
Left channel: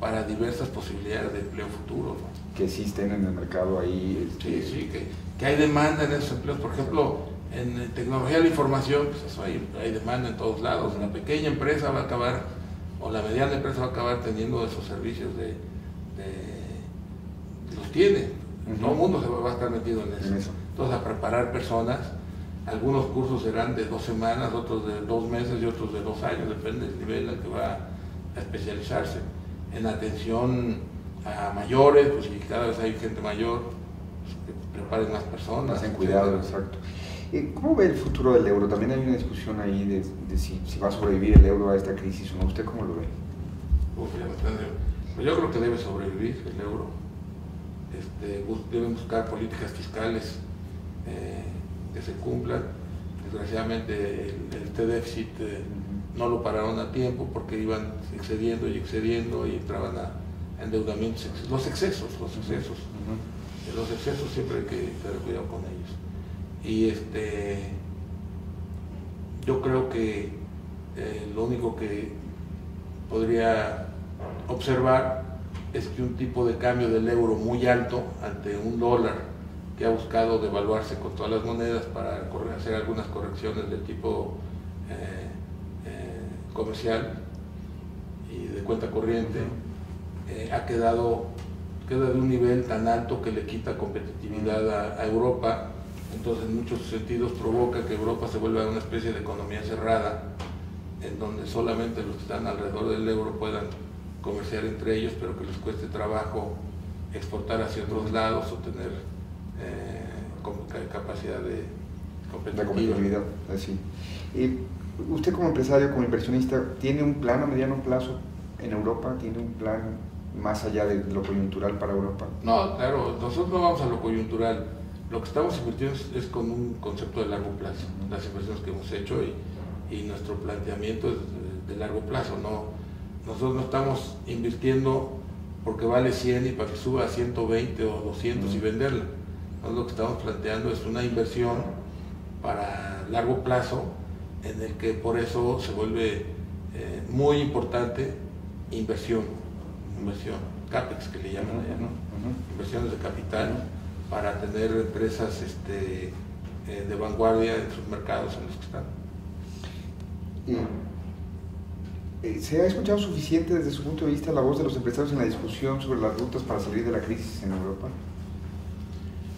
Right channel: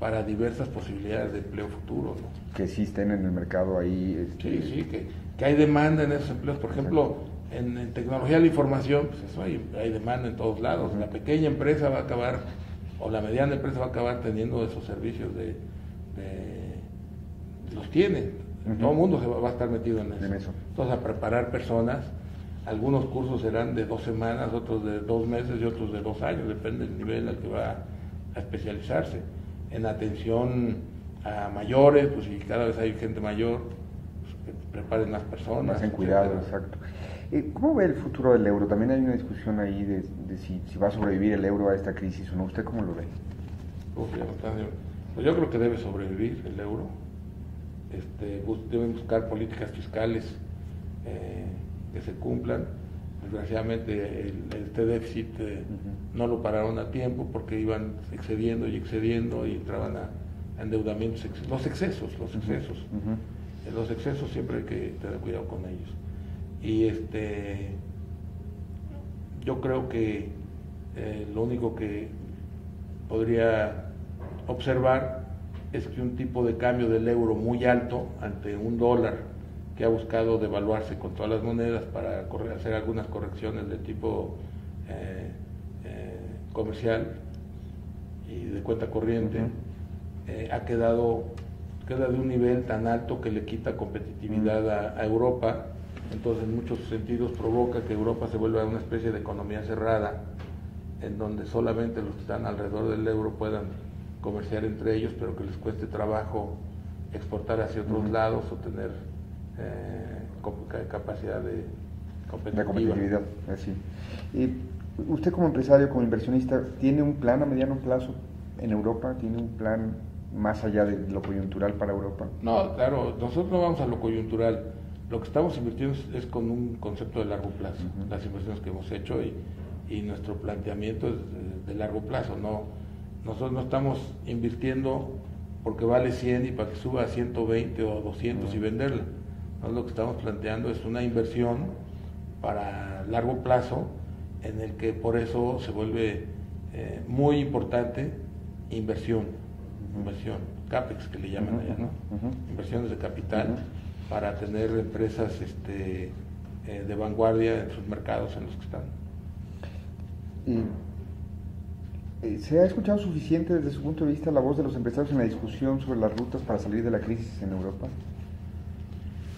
para diversas posibilidades de empleo futuro, ¿no? Que existen en el mercado ahí. Sí, que hay demanda en esos empleos. Por ejemplo, en tecnología de la información, pues eso hay demanda en todos lados. La pequeña empresa va a acabar, o la mediana empresa va a acabar teniendo esos servicios los tiene. Todo el mundo va a estar metido en eso. Entonces, a preparar personas. Algunos cursos serán de 2 semanas, otros de 2 meses y otros de 2 años, depende del nivel al que va a especializarse. En atención a mayores, pues si cada vez hay gente mayor, pues, que preparen más personas. Más en cuidado, exacto. ¿Cómo ve el futuro del euro? También hay una discusión ahí de si va a sobrevivir el euro a esta crisis o no. ¿Usted cómo lo ve? Pues yo creo que debe sobrevivir el euro. Deben buscar políticas fiscales que se cumplan. Desgraciadamente este déficit no lo pararon a tiempo porque iban excediendo y entraban a endeudamientos, los excesos siempre hay que tener cuidado con ellos. Y yo creo que lo único que podría observar es que un tipo de cambio del euro muy alto ante un dólar que ha buscado devaluarse con todas las monedas para hacer algunas correcciones de tipo comercial y de cuenta corriente, queda de un nivel tan alto que le quita competitividad a Europa. Entonces, en muchos sentidos provoca que Europa se vuelva una especie de economía cerrada, en donde solamente los que están alrededor del euro puedan comerciar entre ellos, pero que les cueste trabajo exportar hacia otros lados o tener capacidad de competitividad. Así. Usted como empresario, como inversionista, ¿tiene un plan a mediano plazo en Europa? ¿Tiene un plan más allá de lo coyuntural para Europa? No, claro, nosotros no vamos a lo coyuntural. Lo que estamos invirtiendo es con un concepto de largo plazo, las inversiones que hemos hecho y nuestro planteamiento es de largo plazo. Nosotros no estamos invirtiendo porque vale 100 y para que suba a 120 o 200 y venderla. Lo que estamos planteando es una inversión para largo plazo, en el que por eso se vuelve muy importante inversión, CAPEX que le llaman allá, ¿no? Inversiones de capital para tener empresas de vanguardia en sus mercados en los que están. ¿Se ha escuchado suficiente desde su punto de vista la voz de los empresarios en la discusión sobre las rutas para salir de la crisis en Europa?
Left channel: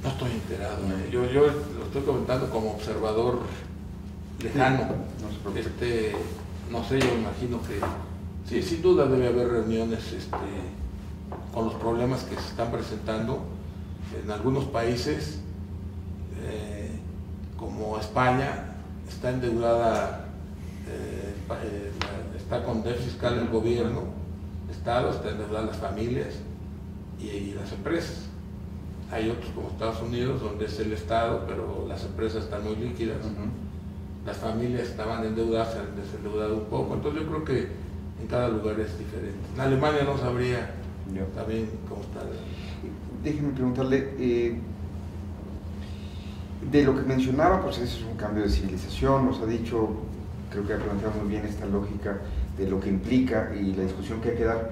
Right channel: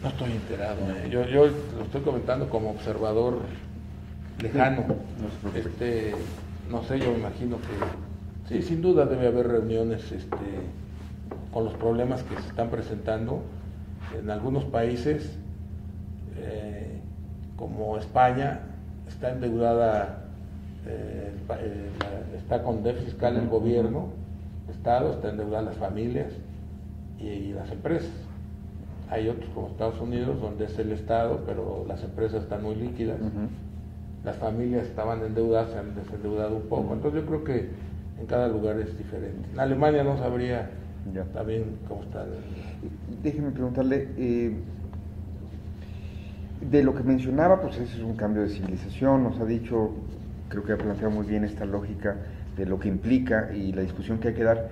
No estoy enterado. Yo lo estoy comentando como observador lejano. No sé, yo imagino que sí, sin duda debe haber reuniones con los problemas que se están presentando en algunos países, como España, está endeudada, está con déficit fiscal el gobierno, el Estado, está endeudada las familias y las empresas. Hay otros como Estados Unidos, donde es el Estado, pero las empresas están muy líquidas. Las familias estaban endeudadas, se han desendeudado un poco. Entonces yo creo que en cada lugar es diferente. En Alemania no sabría también cómo está. Déjeme preguntarle, de lo que mencionaba, pues ese es un cambio de civilización, nos ha dicho creo que ha planteado muy bien esta lógica de lo que implica y la discusión que hay que dar.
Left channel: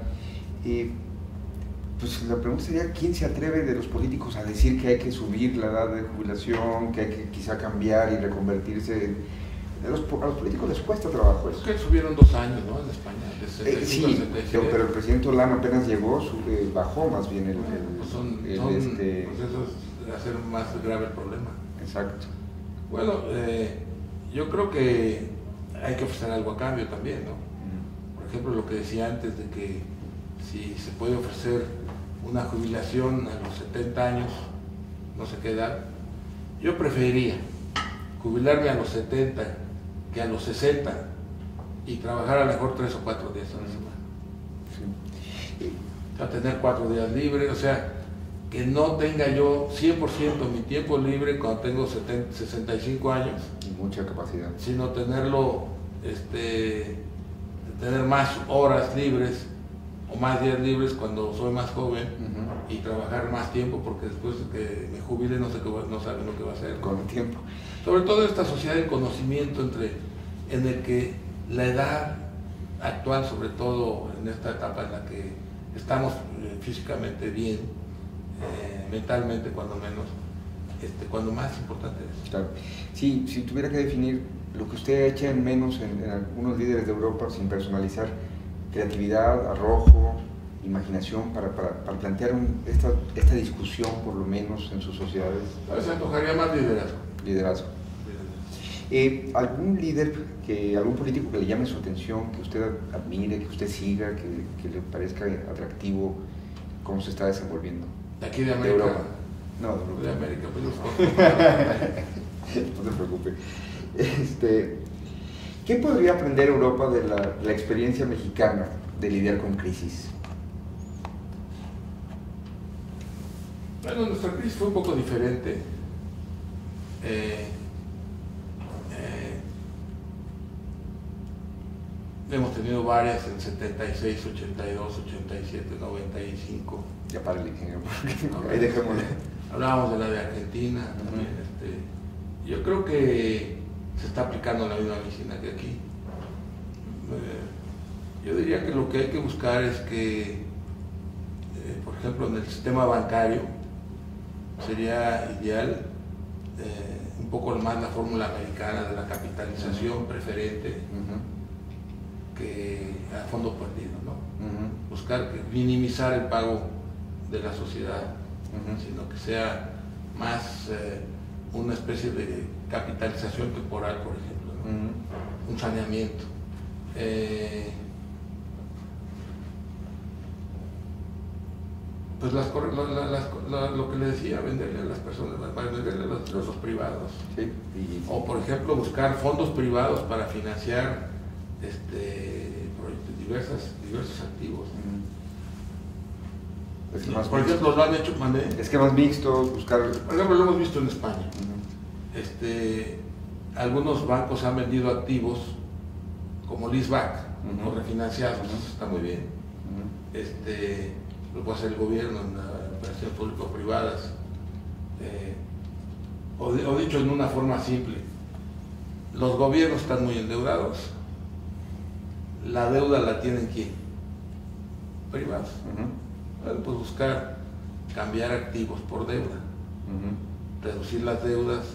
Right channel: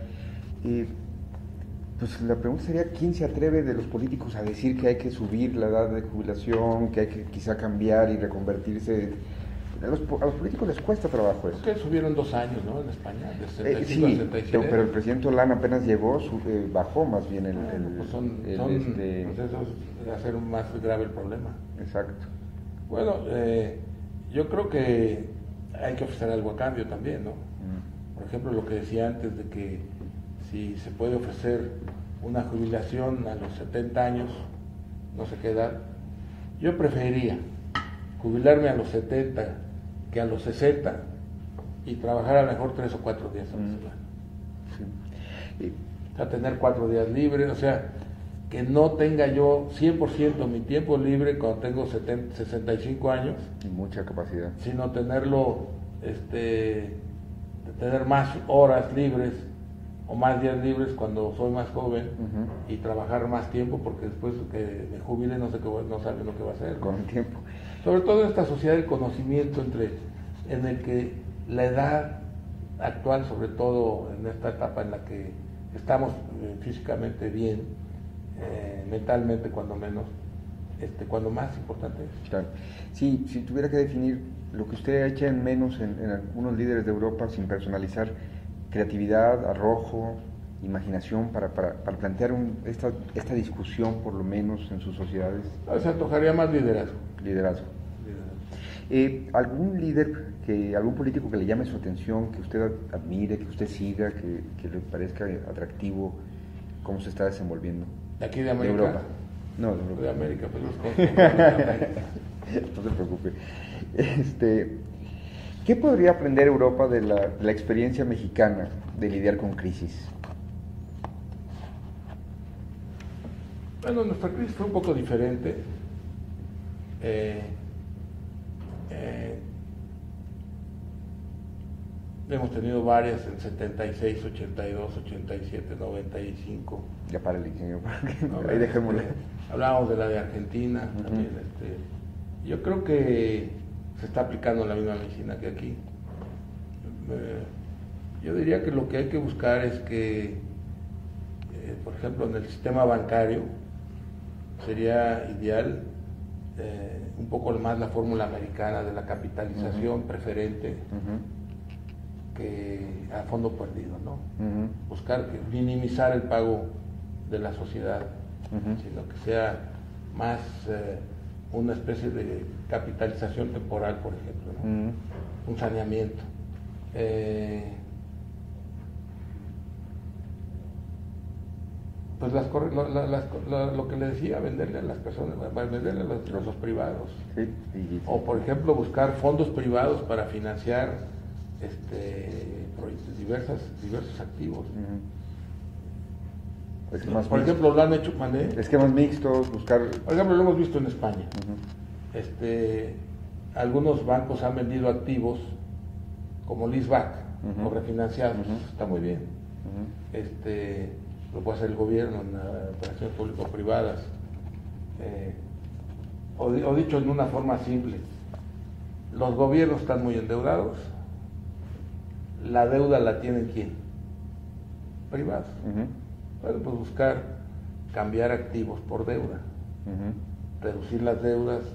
Pues la pregunta sería, ¿quién se atreve de los políticos a decir que hay que subir la edad de jubilación, que hay que quizá cambiar y reconvertirse? A los políticos les cuesta trabajo eso. Que subieron 2 años, ¿no? En España, de 65 sí, a 67. pero el presidente Hollande apenas llegó, bajó más bien pues son procesos de hacer más grave el problema. Exacto. Bueno, yo creo que hay que ofrecer algo a cambio también, ¿no? Por ejemplo, lo que decía antes de que si se puede ofrecer una jubilación a los 70 años, no sé qué edad, yo preferiría jubilarme a los 70 que a los 60 y trabajar a lo mejor 3 o 4 días a la semana. Sí. O sea, tener 4 días libres, o sea, que no tenga yo 100% mi tiempo libre cuando tengo 65 años. Y mucha capacidad. Sino tenerlo, tener más horas libres o más días libres cuando soy más joven y trabajar más tiempo, porque después de que me jubile no sabe lo que va a hacer, ¿no? Con el tiempo. Sobre todo en esta sociedad del conocimiento en el que la edad actual, sobre todo en esta etapa en la que estamos físicamente bien, mentalmente cuando menos, cuando más importante es. Claro. Sí, si tuviera que definir lo que usted echa en menos en algunos líderes de Europa, sin personalizar, creatividad, arrojo, imaginación para plantear esta discusión, por lo menos en sus sociedades. A veces antojaría más liderazgo. Liderazgo. ¿Algún líder, algún político que le llame su atención, que usted admire, que usted siga, que le parezca atractivo, cómo se está desenvolviendo? ¿De aquí de América? ¿De Europa? No, de Europa. De América, pues no se preocupe. ¿Qué podría aprender Europa de la experiencia mexicana de lidiar con crisis? Bueno, nuestra crisis fue un poco diferente. Hemos tenido varias en 76, 82, 87, 95. Ya para el ingeniero. No, ahí dejémosle. Hablábamos de la de Argentina también. Yo creo que se está aplicando la misma medicina que aquí. Yo diría que lo que hay que buscar es que, por ejemplo, en el sistema bancario sería ideal un poco más la fórmula americana de la capitalización preferente que a fondo perdido, ¿no? Buscar minimizar el pago de la sociedad, sino que sea más una especie de capitalización temporal, por ejemplo, ¿no? Un saneamiento. Pues lo que le decía, venderle a las personas, venderle a los privados. Sí. O por ejemplo buscar fondos privados para financiar diversos activos. Es que más por mixto. ejemplo, lo han hecho, es que más mixto, buscar... Por ejemplo, lo hemos visto en España. Algunos bancos han vendido activos como leaseback o refinanciados. Está muy bien. Lo puede hacer el gobierno en operaciones público-privadas. O dicho en una forma simple, los gobiernos están muy endeudados. La deuda la tienen ¿quién? Privados. Bueno, pues buscar cambiar activos por deuda, reducir las deudas,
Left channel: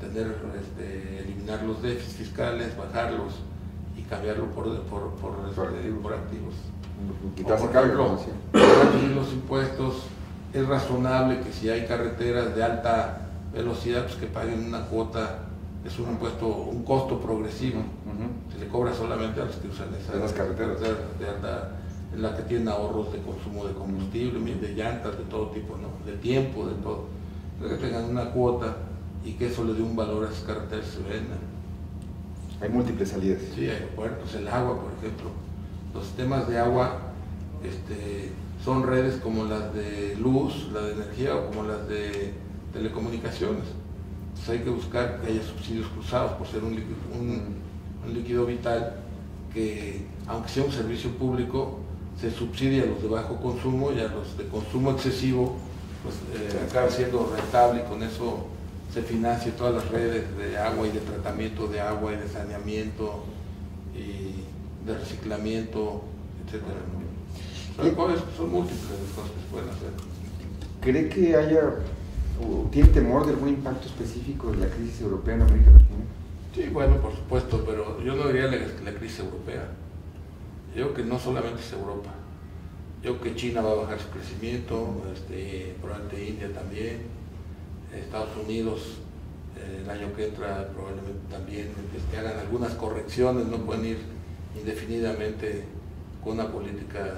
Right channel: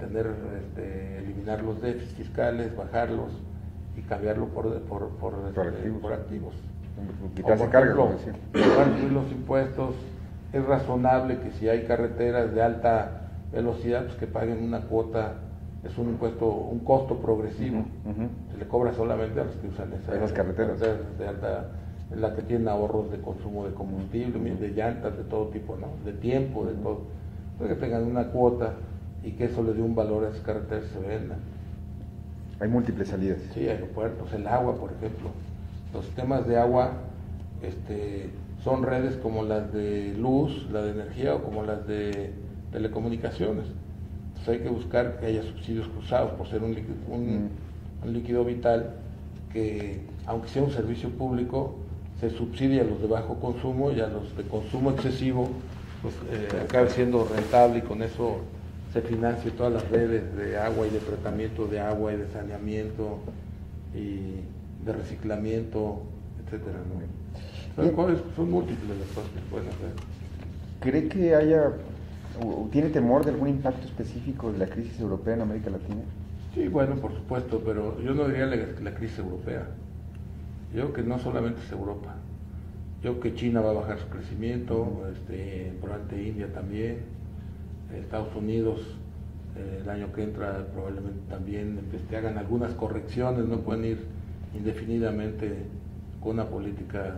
eliminar los déficits fiscales, bajarlos y cambiarlo por activos. Quitarse por carga, ejemplo, reducir los impuestos. Es razonable que si hay carreteras de alta velocidad, pues que paguen una cuota. Es un impuesto, un costo progresivo. Se le cobra solamente a los que usan esas carreteras de alta, en la que tienen ahorros de consumo de combustible, de llantas, de todo tipo, ¿no? De tiempo, de todo. Entonces que tengan una cuota y que eso les dé un valor a esas carreteras y se vendan. Hay múltiples salidas. Sí, aeropuertos, el agua, por ejemplo. Los sistemas de agua son redes como las de luz, la de energía o como las de telecomunicaciones. Entonces hay que buscar que haya subsidios cruzados por ser un líquido vital que, aunque sea un servicio público, se subsidia a los de bajo consumo y a los de consumo excesivo, pues acabe siendo rentable y con eso se financie todas las redes de agua y de tratamiento de agua y de saneamiento y de reciclamiento, etcétera, ¿no? Son múltiples las cosas que se pueden hacer. ¿Cree que haya o tiene temor de algún impacto específico de la crisis europea en América Latina? Sí, bueno, por supuesto, pero yo no diría la crisis europea. Yo creo que no solamente es Europa. Yo creo que China va a bajar su crecimiento, probablemente India también, Estados Unidos el año que entra probablemente también hagan algunas correcciones, no pueden ir indefinidamente con una política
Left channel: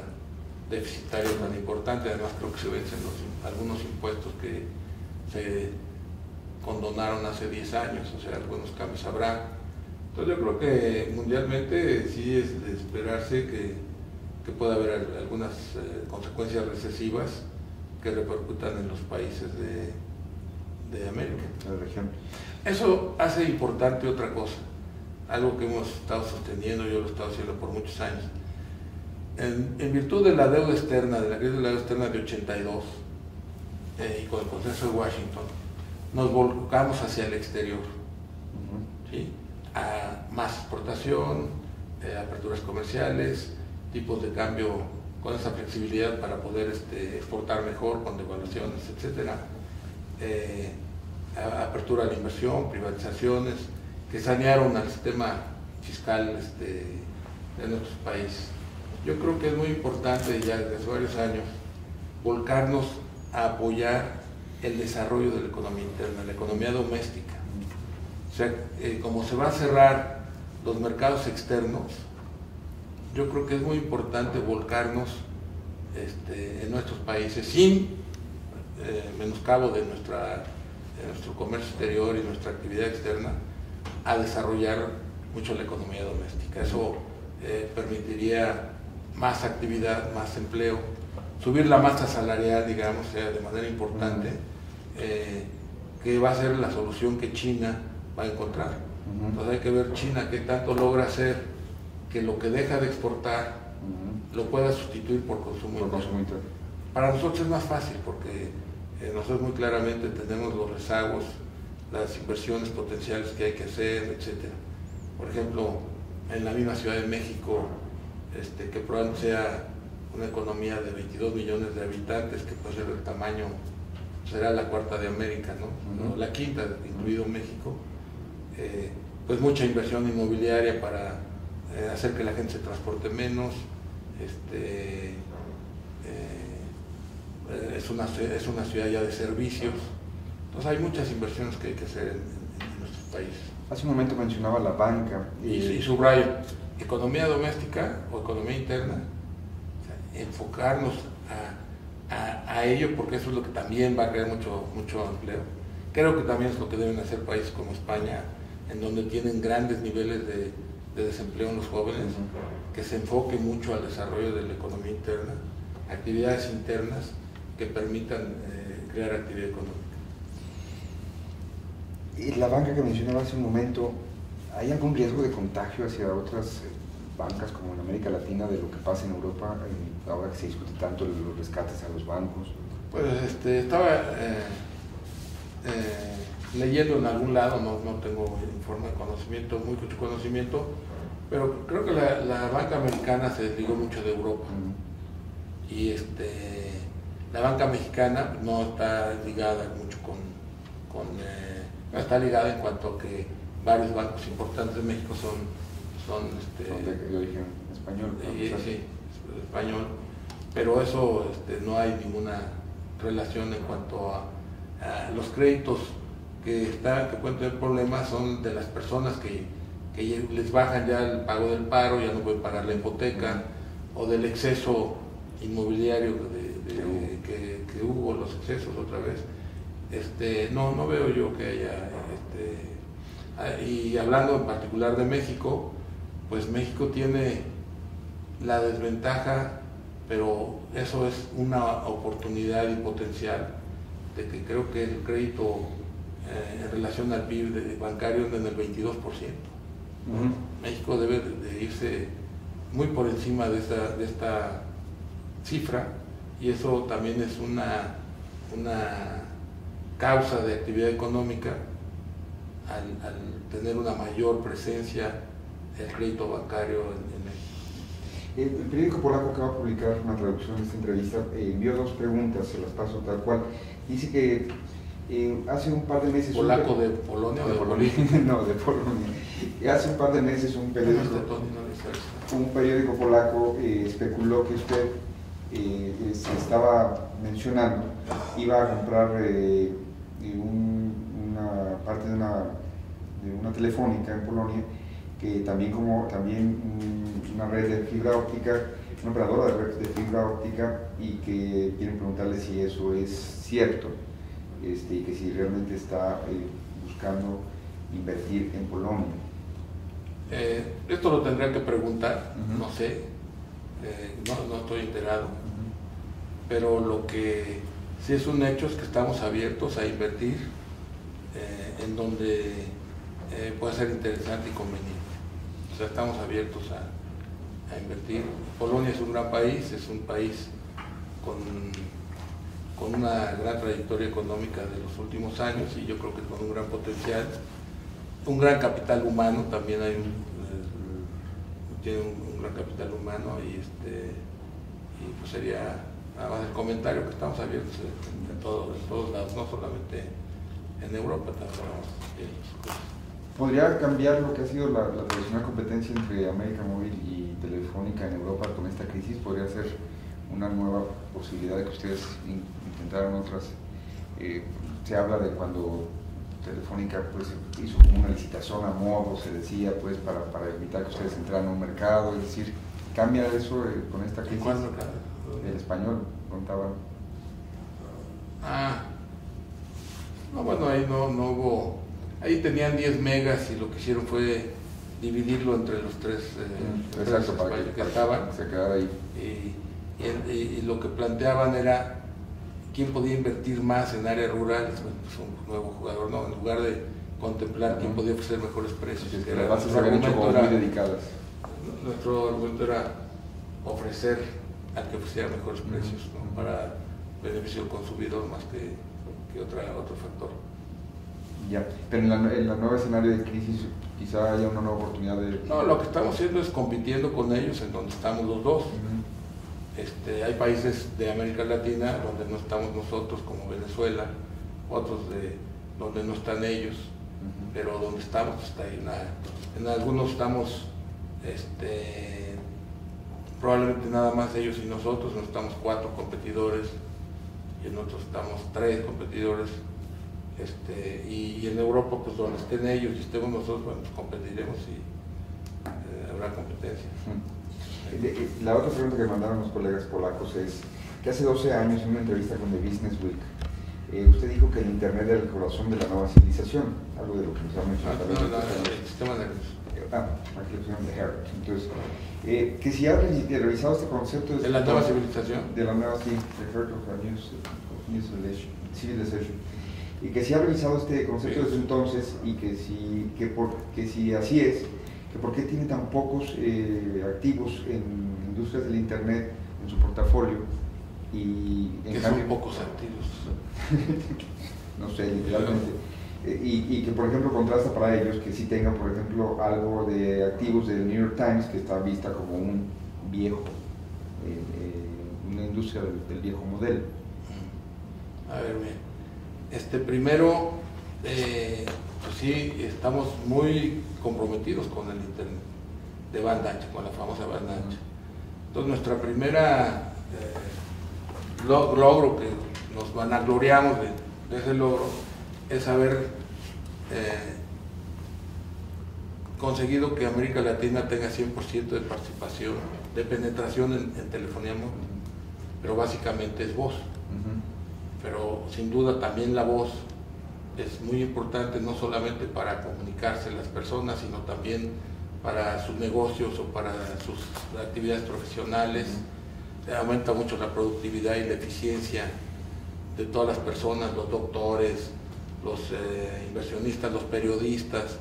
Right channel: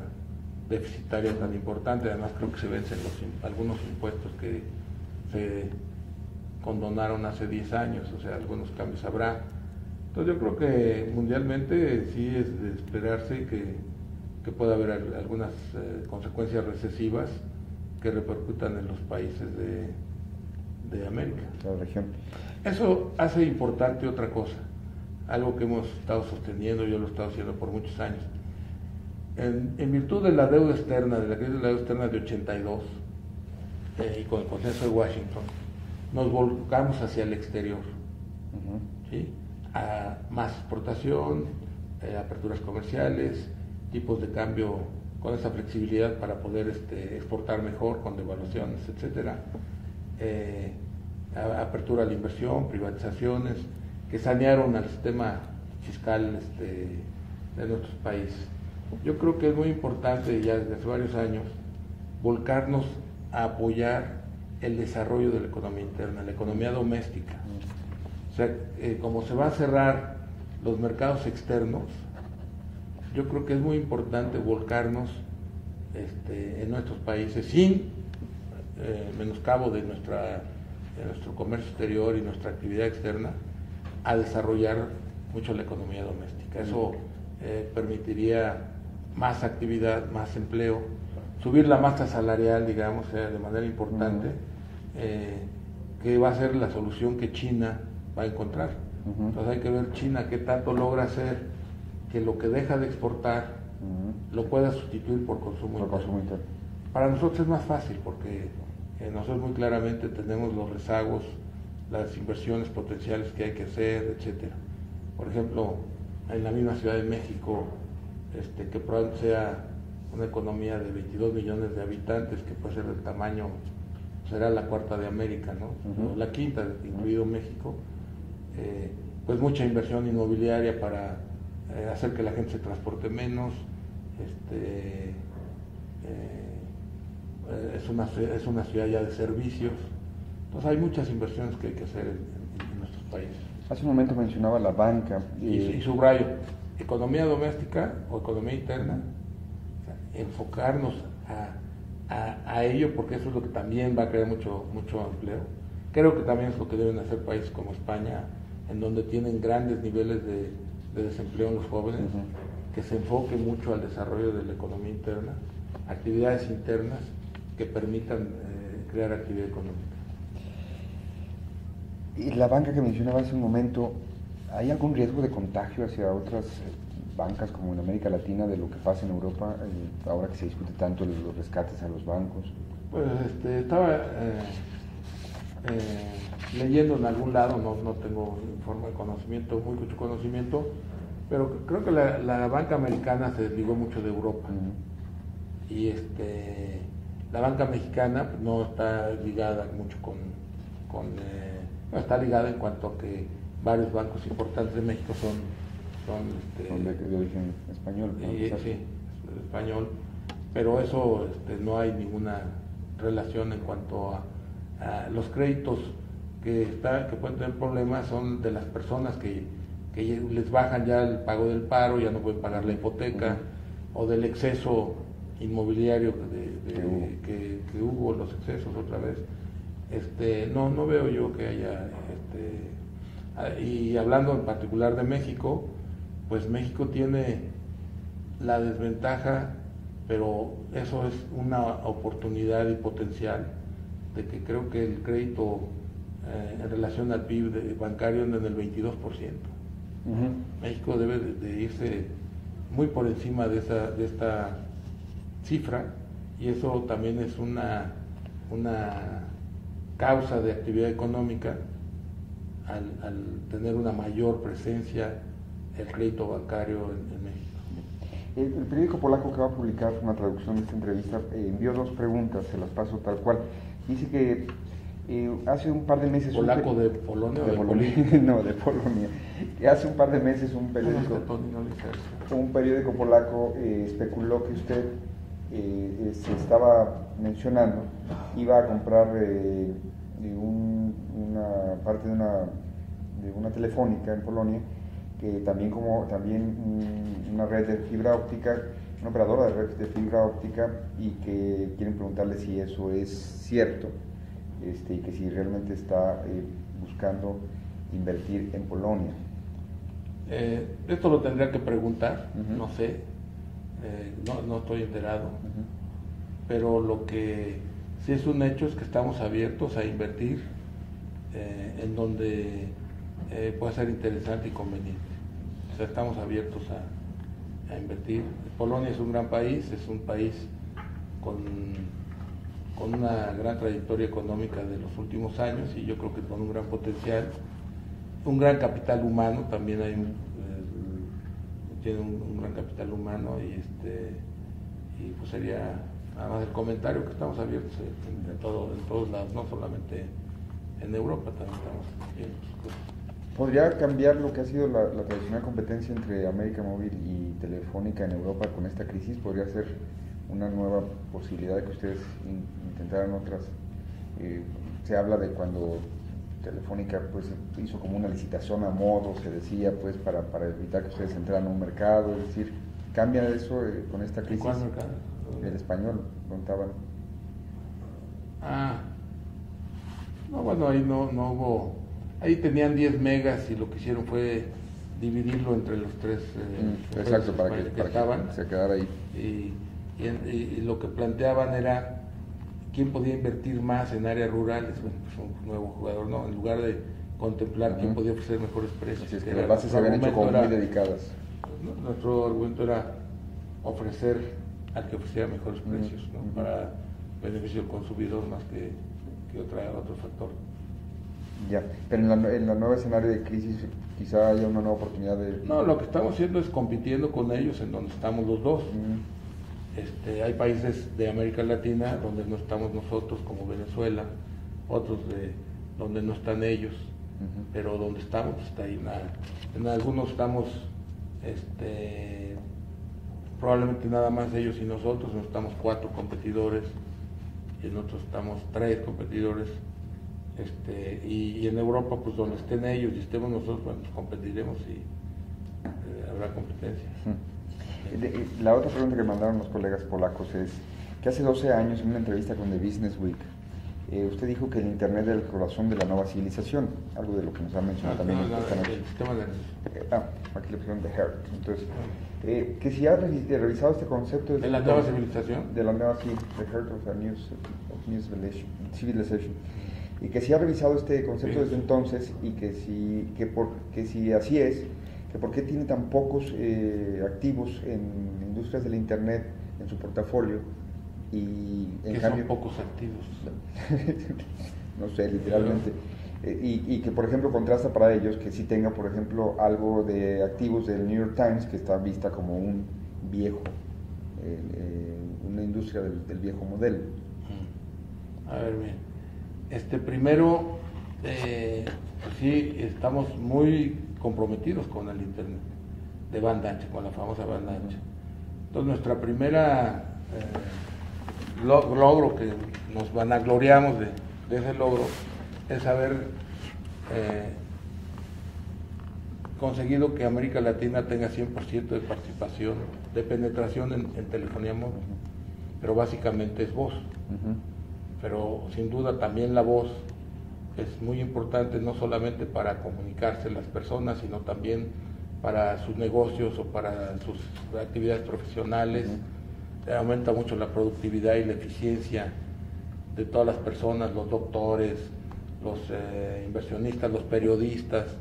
deficitaria tan importante. Además creo que se vencen algunos impuestos que se condonaron hace 10 años, o sea, algunos cambios habrá. Entonces yo creo que mundialmente sí es de esperarse que pueda haber algunas consecuencias recesivas que repercutan en los países de América. La región. Eso hace importante otra cosa, algo que hemos estado sosteniendo, yo lo he estado haciendo por muchos años. En virtud de la deuda externa, de la crisis de la deuda externa de 82, y con el consenso de Washington, nos volcamos hacia el exterior, ¿sí? A más exportación, aperturas comerciales, tipos de cambio con esa flexibilidad para poder exportar mejor con devaluaciones, etcétera. Apertura a la inversión, privatizaciones que sanearon al sistema fiscal de nuestros países. Yo creo que es muy importante ya desde hace varios años volcarnos a apoyar el desarrollo de la economía interna, la economía doméstica. O sea, como se va a cerrar los mercados externos, yo creo que es muy importante volcarnos en nuestros países sin menoscabo de nuestro comercio exterior y nuestra actividad externa, a desarrollar mucho la economía doméstica. Eso permitiría más actividad, más empleo, subir la masa salarial, digamos, de manera importante, que va a ser la solución que China va a encontrar. Entonces hay que ver China qué tanto logra hacer que lo que deja de exportar lo pueda sustituir por consumo interno. Para nosotros es más fácil porque nosotros muy claramente tenemos los rezagos, las inversiones potenciales que hay que hacer, etcétera. Por ejemplo, en la misma Ciudad de México, que probablemente sea una economía de 22 millones de habitantes, que puede ser del tamaño, será la cuarta de América, ¿no? La quinta, incluido México, pues mucha inversión inmobiliaria para hacer que la gente se transporte menos, es una ciudad ya de servicios, entonces hay muchas inversiones que hay que hacer en nuestros países. Hace un momento mencionaba la banca. Y subrayo, economía doméstica o economía interna, o sea, enfocarnos a ello, porque eso es lo que también va a crear mucho empleo. Creo que también es lo que deben hacer países como España, en donde tienen grandes niveles de desempleo en los jóvenes, que se enfoque mucho al desarrollo de la economía interna, actividades internas que permitan crear actividad económica. Y la banca que mencionaba hace un momento, ¿hay algún riesgo de contagio hacia otras bancas como en América Latina de lo que pasa en Europa, ahora que se discute tanto los rescates a los bancos? Pues estaba leyendo en algún lado, no tengo mucho conocimiento, pero creo que la banca americana se desligó mucho de Europa. Y la banca mexicana no está ligada mucho no está ligada en cuanto a que varios bancos importantes de México son de origen español, ¿no? Sí, español, pero eso no hay ninguna relación en cuanto a los créditos que pueden tener problemas. Son de las personas que les bajan ya el pago del paro, ya no pueden pagar la hipoteca, o del exceso inmobiliario que hubo, los excesos otra vez. No veo yo que haya, y hablando en particular de México, pues México tiene la desventaja, pero eso es una oportunidad y potencial, de que creo que el crédito en relación al PIB bancario anda en el 22%. México debe de irse muy por encima de esta cifra, y eso también es una causa de actividad económica al tener una mayor presencia el crédito bancario en México. El periódico polaco que va a publicar una traducción de esta entrevista envió 2 preguntas, se las paso tal cual. Dice que hace un par de meses... ¿Polaco de Polonia o de Polonia? No, de Polonia. Hace un par de meses un periódico polaco especuló que usted se estaba mencionando, iba a comprar una parte de una telefónica en Polonia, que también una red de fibra óptica, una operadora de red de fibra óptica, y que quieren preguntarle si eso es cierto, y que si realmente está buscando invertir en Polonia. Esto lo tendría que preguntar, no sé, no estoy enterado, pero lo que sí es un hecho es que estamos abiertos a invertir en donde pueda ser interesante y conveniente. O sea, estamos abiertos a invertir. Polonia es un gran país, es un país con una gran trayectoria económica de los últimos años, y yo creo que con un gran potencial, un gran capital humano, también tiene un gran capital humano, y pues sería nada más el comentario, que estamos abiertos en todos lados, no solamente en Europa, también estamos abiertos. ¿Podría cambiar lo que ha sido la tradicional competencia entre América Móvil y Telefónica en Europa con esta crisis? ¿Podría ser una nueva posibilidad de que ustedes intentaran otras? Se habla de cuando Telefónica pues hizo como una licitación a modo, se decía, pues para evitar que ustedes entraran a un mercado, es decir, ¿cambia eso con esta crisis? ¿Cuál mercado? El español, contaban. No, bueno, ahí no hubo. Ahí tenían 10 megas y lo que hicieron fue dividirlo entre los tres exacto, para que estaban. Se quedara ahí. Y lo que planteaban era quién podía invertir más en áreas rurales, bueno, pues un nuevo jugador, ¿no? En lugar de contemplar quién podía ofrecer mejores precios. Es que las bases se habían hecho como muy dedicadas. Nuestro argumento era ofrecer al que ofreciera mejores precios, ¿no? Para beneficio del consumidor más que otro factor. Ya, pero en la nueva escenario de crisis quizá haya una nueva oportunidad de... No, lo que estamos haciendo es compitiendo con ellos en donde estamos los dos. Hay países de América Latina donde no estamos nosotros, como Venezuela, otros de donde no están ellos, pero donde estamos está ahí. En algunos estamos probablemente nada más ellos y nosotros, no estamos 4 competidores, y en otros estamos 3 competidores. Y en Europa, pues donde estén ellos y estemos nosotros, bueno, pues competiremos y habrá competencia. La otra pregunta que mandaron los colegas polacos es que hace 12 años, en una entrevista con The Business Week, usted dijo que el Internet era el corazón de la nueva civilización, algo de lo que nos ha mencionado también. El sistema nervioso. Aquí le pusieron The Heart. Entonces, que si ha revisado este concepto... ¿De la nueva civilización? De la nueva, sí, The Heart of a New Civilization. Y que si ha revisado este concepto desde entonces, y que si así es, que por qué tiene tan pocos activos en industrias del Internet en su portafolio, y en cambio... son pocos activos? No sé, literalmente. Y que, por ejemplo, contrasta para ellos que sí tenga, por ejemplo, algo de activos del New York Times, que está vista como un viejo, una industria del viejo modelo. A ver, bien. Primero, pues sí, estamos muy comprometidos con el Internet de banda ancha, con la famosa banda ancha. Entonces, nuestra primera logro, que nos vanagloriamos de ese logro, es haber conseguido que América Latina tenga 100% de participación, de penetración en telefonía móvil, pero básicamente es voz. Pero sin duda también la voz es muy importante, no solamente para comunicarse las personas, sino también para sus negocios o para sus actividades profesionales. Aumenta mucho la productividad y la eficiencia de todas las personas, los doctores, los inversionistas, los periodistas,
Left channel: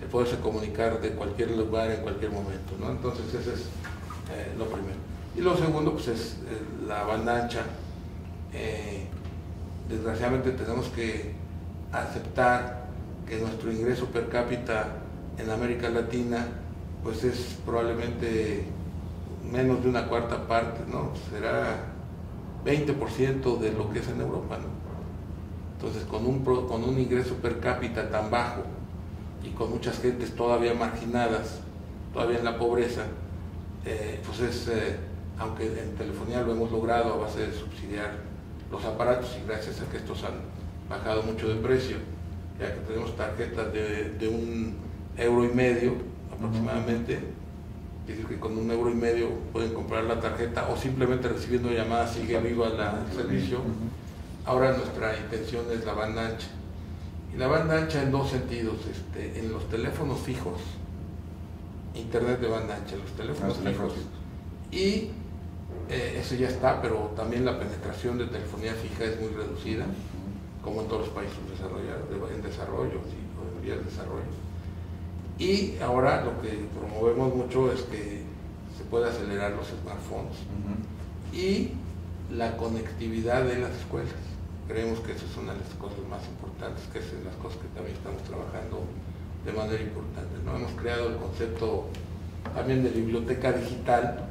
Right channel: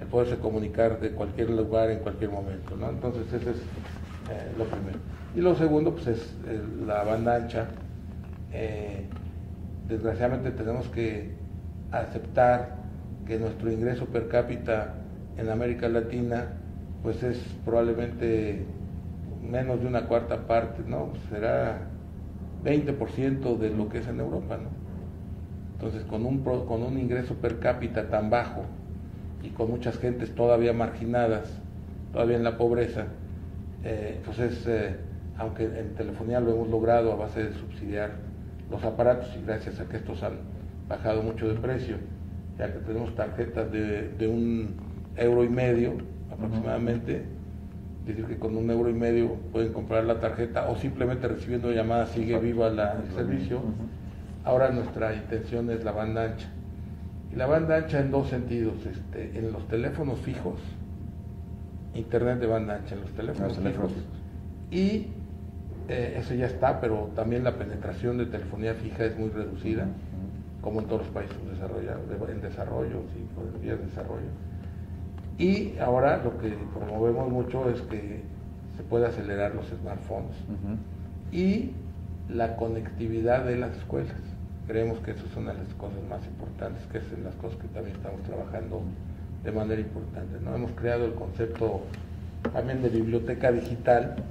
el poderse comunicar de cualquier lugar en cualquier momento, ¿no? Entonces ese es lo primero. Y lo segundo, pues es la banda ancha. desgraciadamente tenemos que aceptar que nuestro ingreso per cápita en América Latina pues es probablemente menos de una cuarta parte, ¿no? Será 20% de lo que es en Europa, ¿no? Entonces, con un ingreso per cápita tan bajo y con muchas gentes todavía marginadas, todavía en la pobreza, aunque en telefonía lo hemos logrado a base de subsidiar los aparatos y gracias a que estos han bajado mucho de precio, ya que tenemos tarjetas de €1,50 aproximadamente, es decir que con €1,50 pueden comprar la tarjeta o simplemente recibiendo llamadas sigue viva el servicio. Ahora nuestra intención es la banda ancha. Y la banda ancha en dos sentidos, en los teléfonos fijos, internet de banda ancha en los teléfonos fijos, y eso ya está, pero también la penetración de telefonía fija es muy reducida, como en todos los países en desarrollo y en vías de desarrollo. Y ahora lo que promovemos mucho es que se pueda acelerar los smartphones y la conectividad de las escuelas. Creemos que eso es una de las cosas más importantes, que es las cosas que también estamos trabajando de manera importante, ¿no? Hemos creado el concepto también de biblioteca digital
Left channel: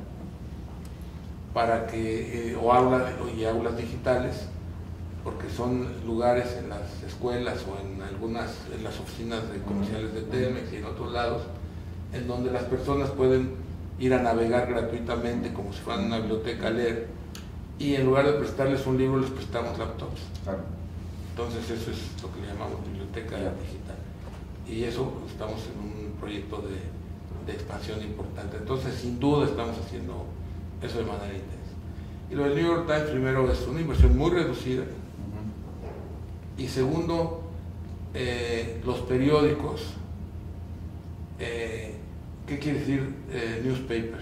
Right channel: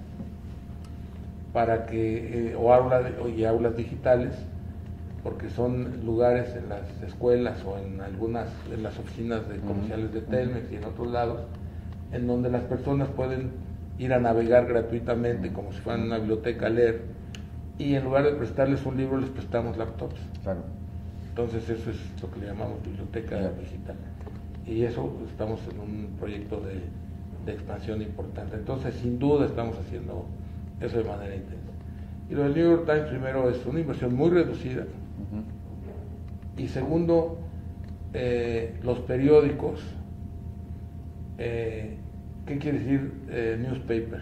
para que, y aulas digitales, porque son lugares en las escuelas o en las oficinas comerciales de Telmex y en otros lados, en donde las personas pueden ir a navegar gratuitamente como si fueran una biblioteca a leer, y en lugar de prestarles un libro les prestamos laptops. Claro. Entonces eso es lo que le llamamos biblioteca digital. Y eso estamos en un proyecto de expansión importante. Entonces sin duda estamos haciendo eso de manera intensa. Y lo del New York Times, primero, es una inversión muy reducida. Y segundo, los periódicos. ¿Qué quiere decir newspaper?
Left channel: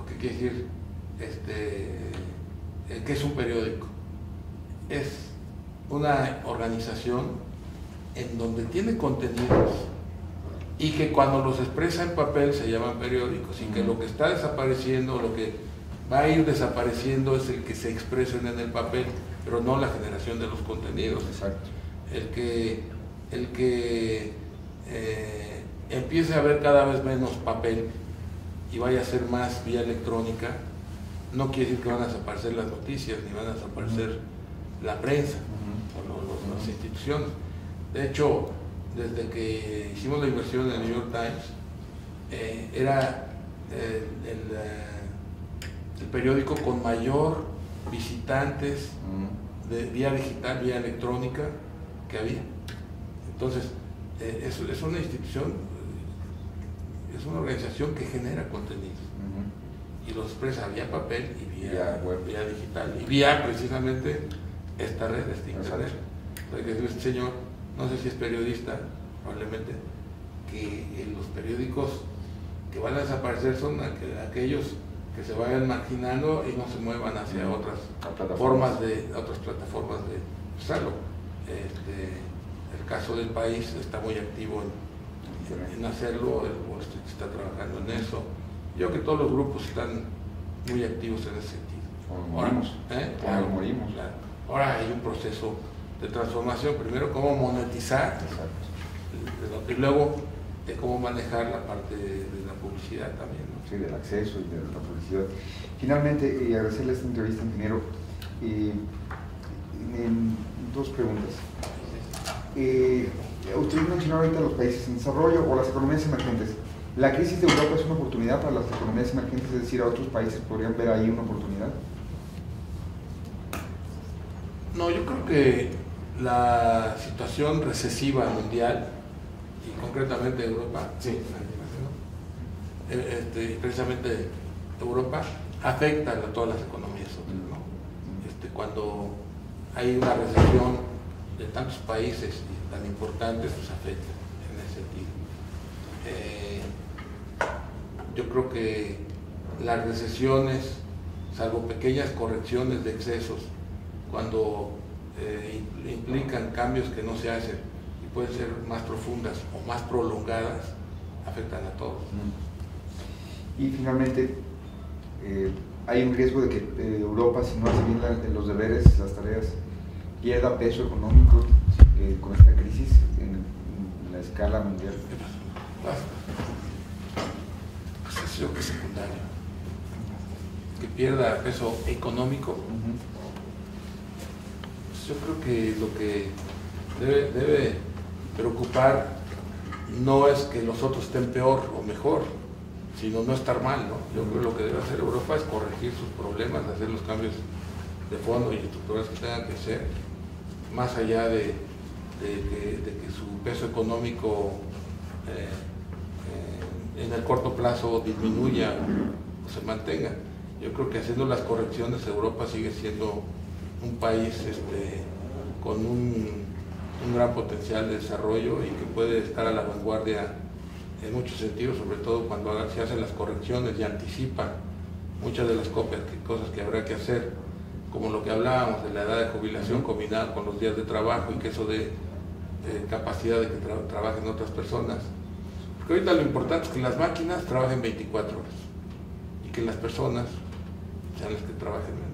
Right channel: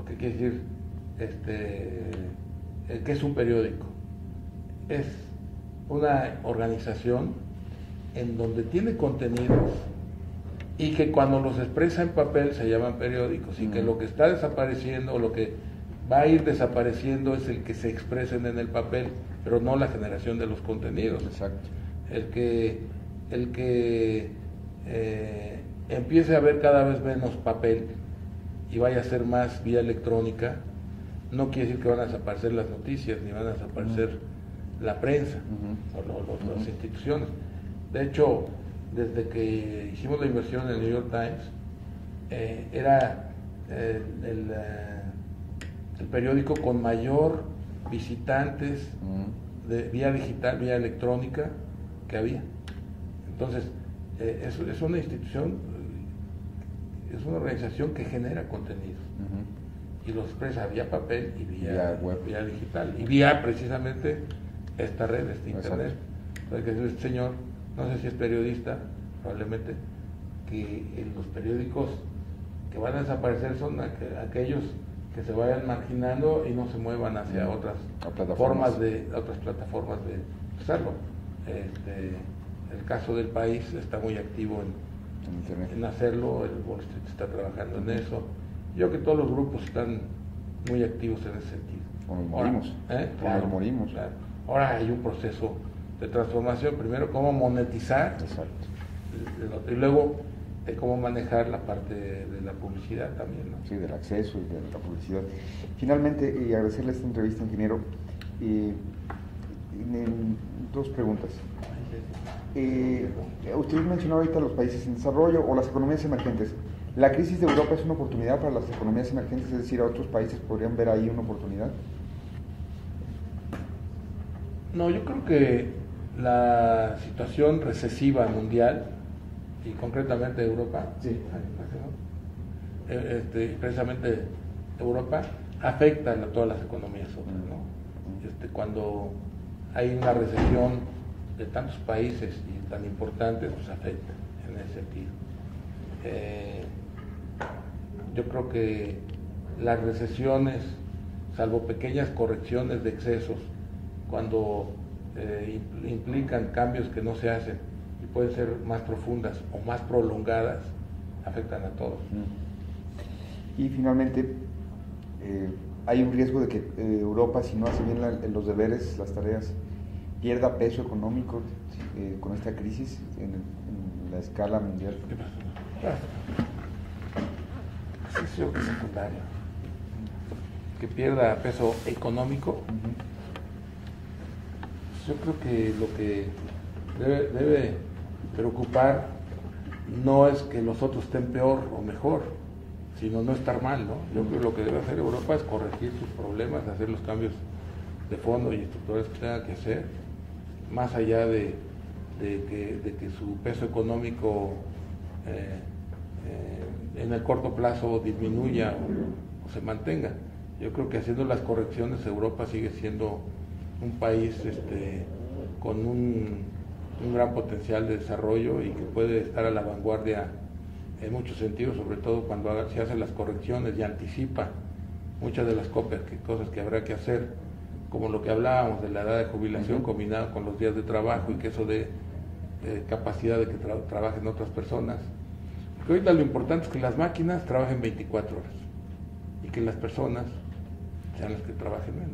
¿O qué quiere decir qué es un periódico? Es una organización en donde tiene contenidos y que cuando los expresa en papel se llaman periódicos, y que lo que está desapareciendo, lo que va a ir desapareciendo es el que se expresen en el papel, pero no la generación de los contenidos. Exacto. El que empiece a haber cada vez menos papel y vaya a ser más vía electrónica, no quiere decir que van a desaparecer las noticias, ni van a desaparecer la prensa o las instituciones. De hecho, desde que hicimos la inversión en el New York Times, era el periódico con mayor visitantes de vía digital, vía electrónica que había. Entonces, es una institución, es una organización que genera contenidos y los expresa vía papel y vía digital y vía precisamente esta red, internet. Entonces, que este señor, no sé si es periodista, probablemente, que los periódicos que van a desaparecer son aquellos que se vayan marginando y no se muevan hacia otras plataformas de usarlo. El caso del País está muy activo en hacerlo, el Wall Street está trabajando en eso. Yo creo que todos los grupos están muy activos en ese sentido. Morimos. Ahora hay un proceso de transformación, primero cómo monetizar. Exacto. Y luego cómo manejar la parte de la publicidad también, ¿no? Sí, del acceso y de la publicidad. Finalmente, agradecerle esta entrevista, ingeniero. Dos preguntas. Usted mencionó ahorita los países en desarrollo o las economías emergentes. ¿La crisis de Europa es una oportunidad para las economías emergentes? Es decir, ¿a otros países podrían ver ahí una oportunidad? No, yo creo que la situación recesiva mundial y concretamente Europa, precisamente Europa, afecta a todas las economías otras, ¿no? Cuando hay una recesión de tantos países y tan importantes, pues afecta en ese sentido. Yo creo que las recesiones, salvo pequeñas correcciones de excesos, cuando implican cambios que no se hacen y pueden ser más profundas o más prolongadas, afectan a todos. Y finalmente, hay un riesgo de que Europa, si no hace bien los deberes, las tareas, pierda peso económico con esta crisis en la escala mundial? Sí, que secundario. Que pierda peso económico. Yo creo que lo que debe preocupar no es que los otros estén peor o mejor, sino no estar mal, ¿no? Yo creo que lo que debe hacer Europa es corregir sus problemas, hacer los cambios de fondo y estructurales que tenga que hacer, más allá de que su peso económico en el corto plazo disminuya o se mantenga. Yo creo que haciendo las correcciones Europa sigue siendo un país con un gran potencial de desarrollo y que puede estar a la vanguardia en muchos sentidos, sobre todo cuando se hacen las correcciones y anticipa muchas de las cosas que habrá que hacer, como lo que hablábamos de la edad de jubilación combinada con los días de trabajo y que eso dé capacidad de que trabajen otras personas. Porque ahorita lo importante es que las máquinas trabajen 24 horas y que las personas sean las que trabajen menos.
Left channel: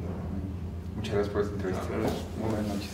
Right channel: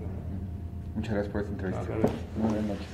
Muchas gracias por esta entrevista. No, muy buenas noches.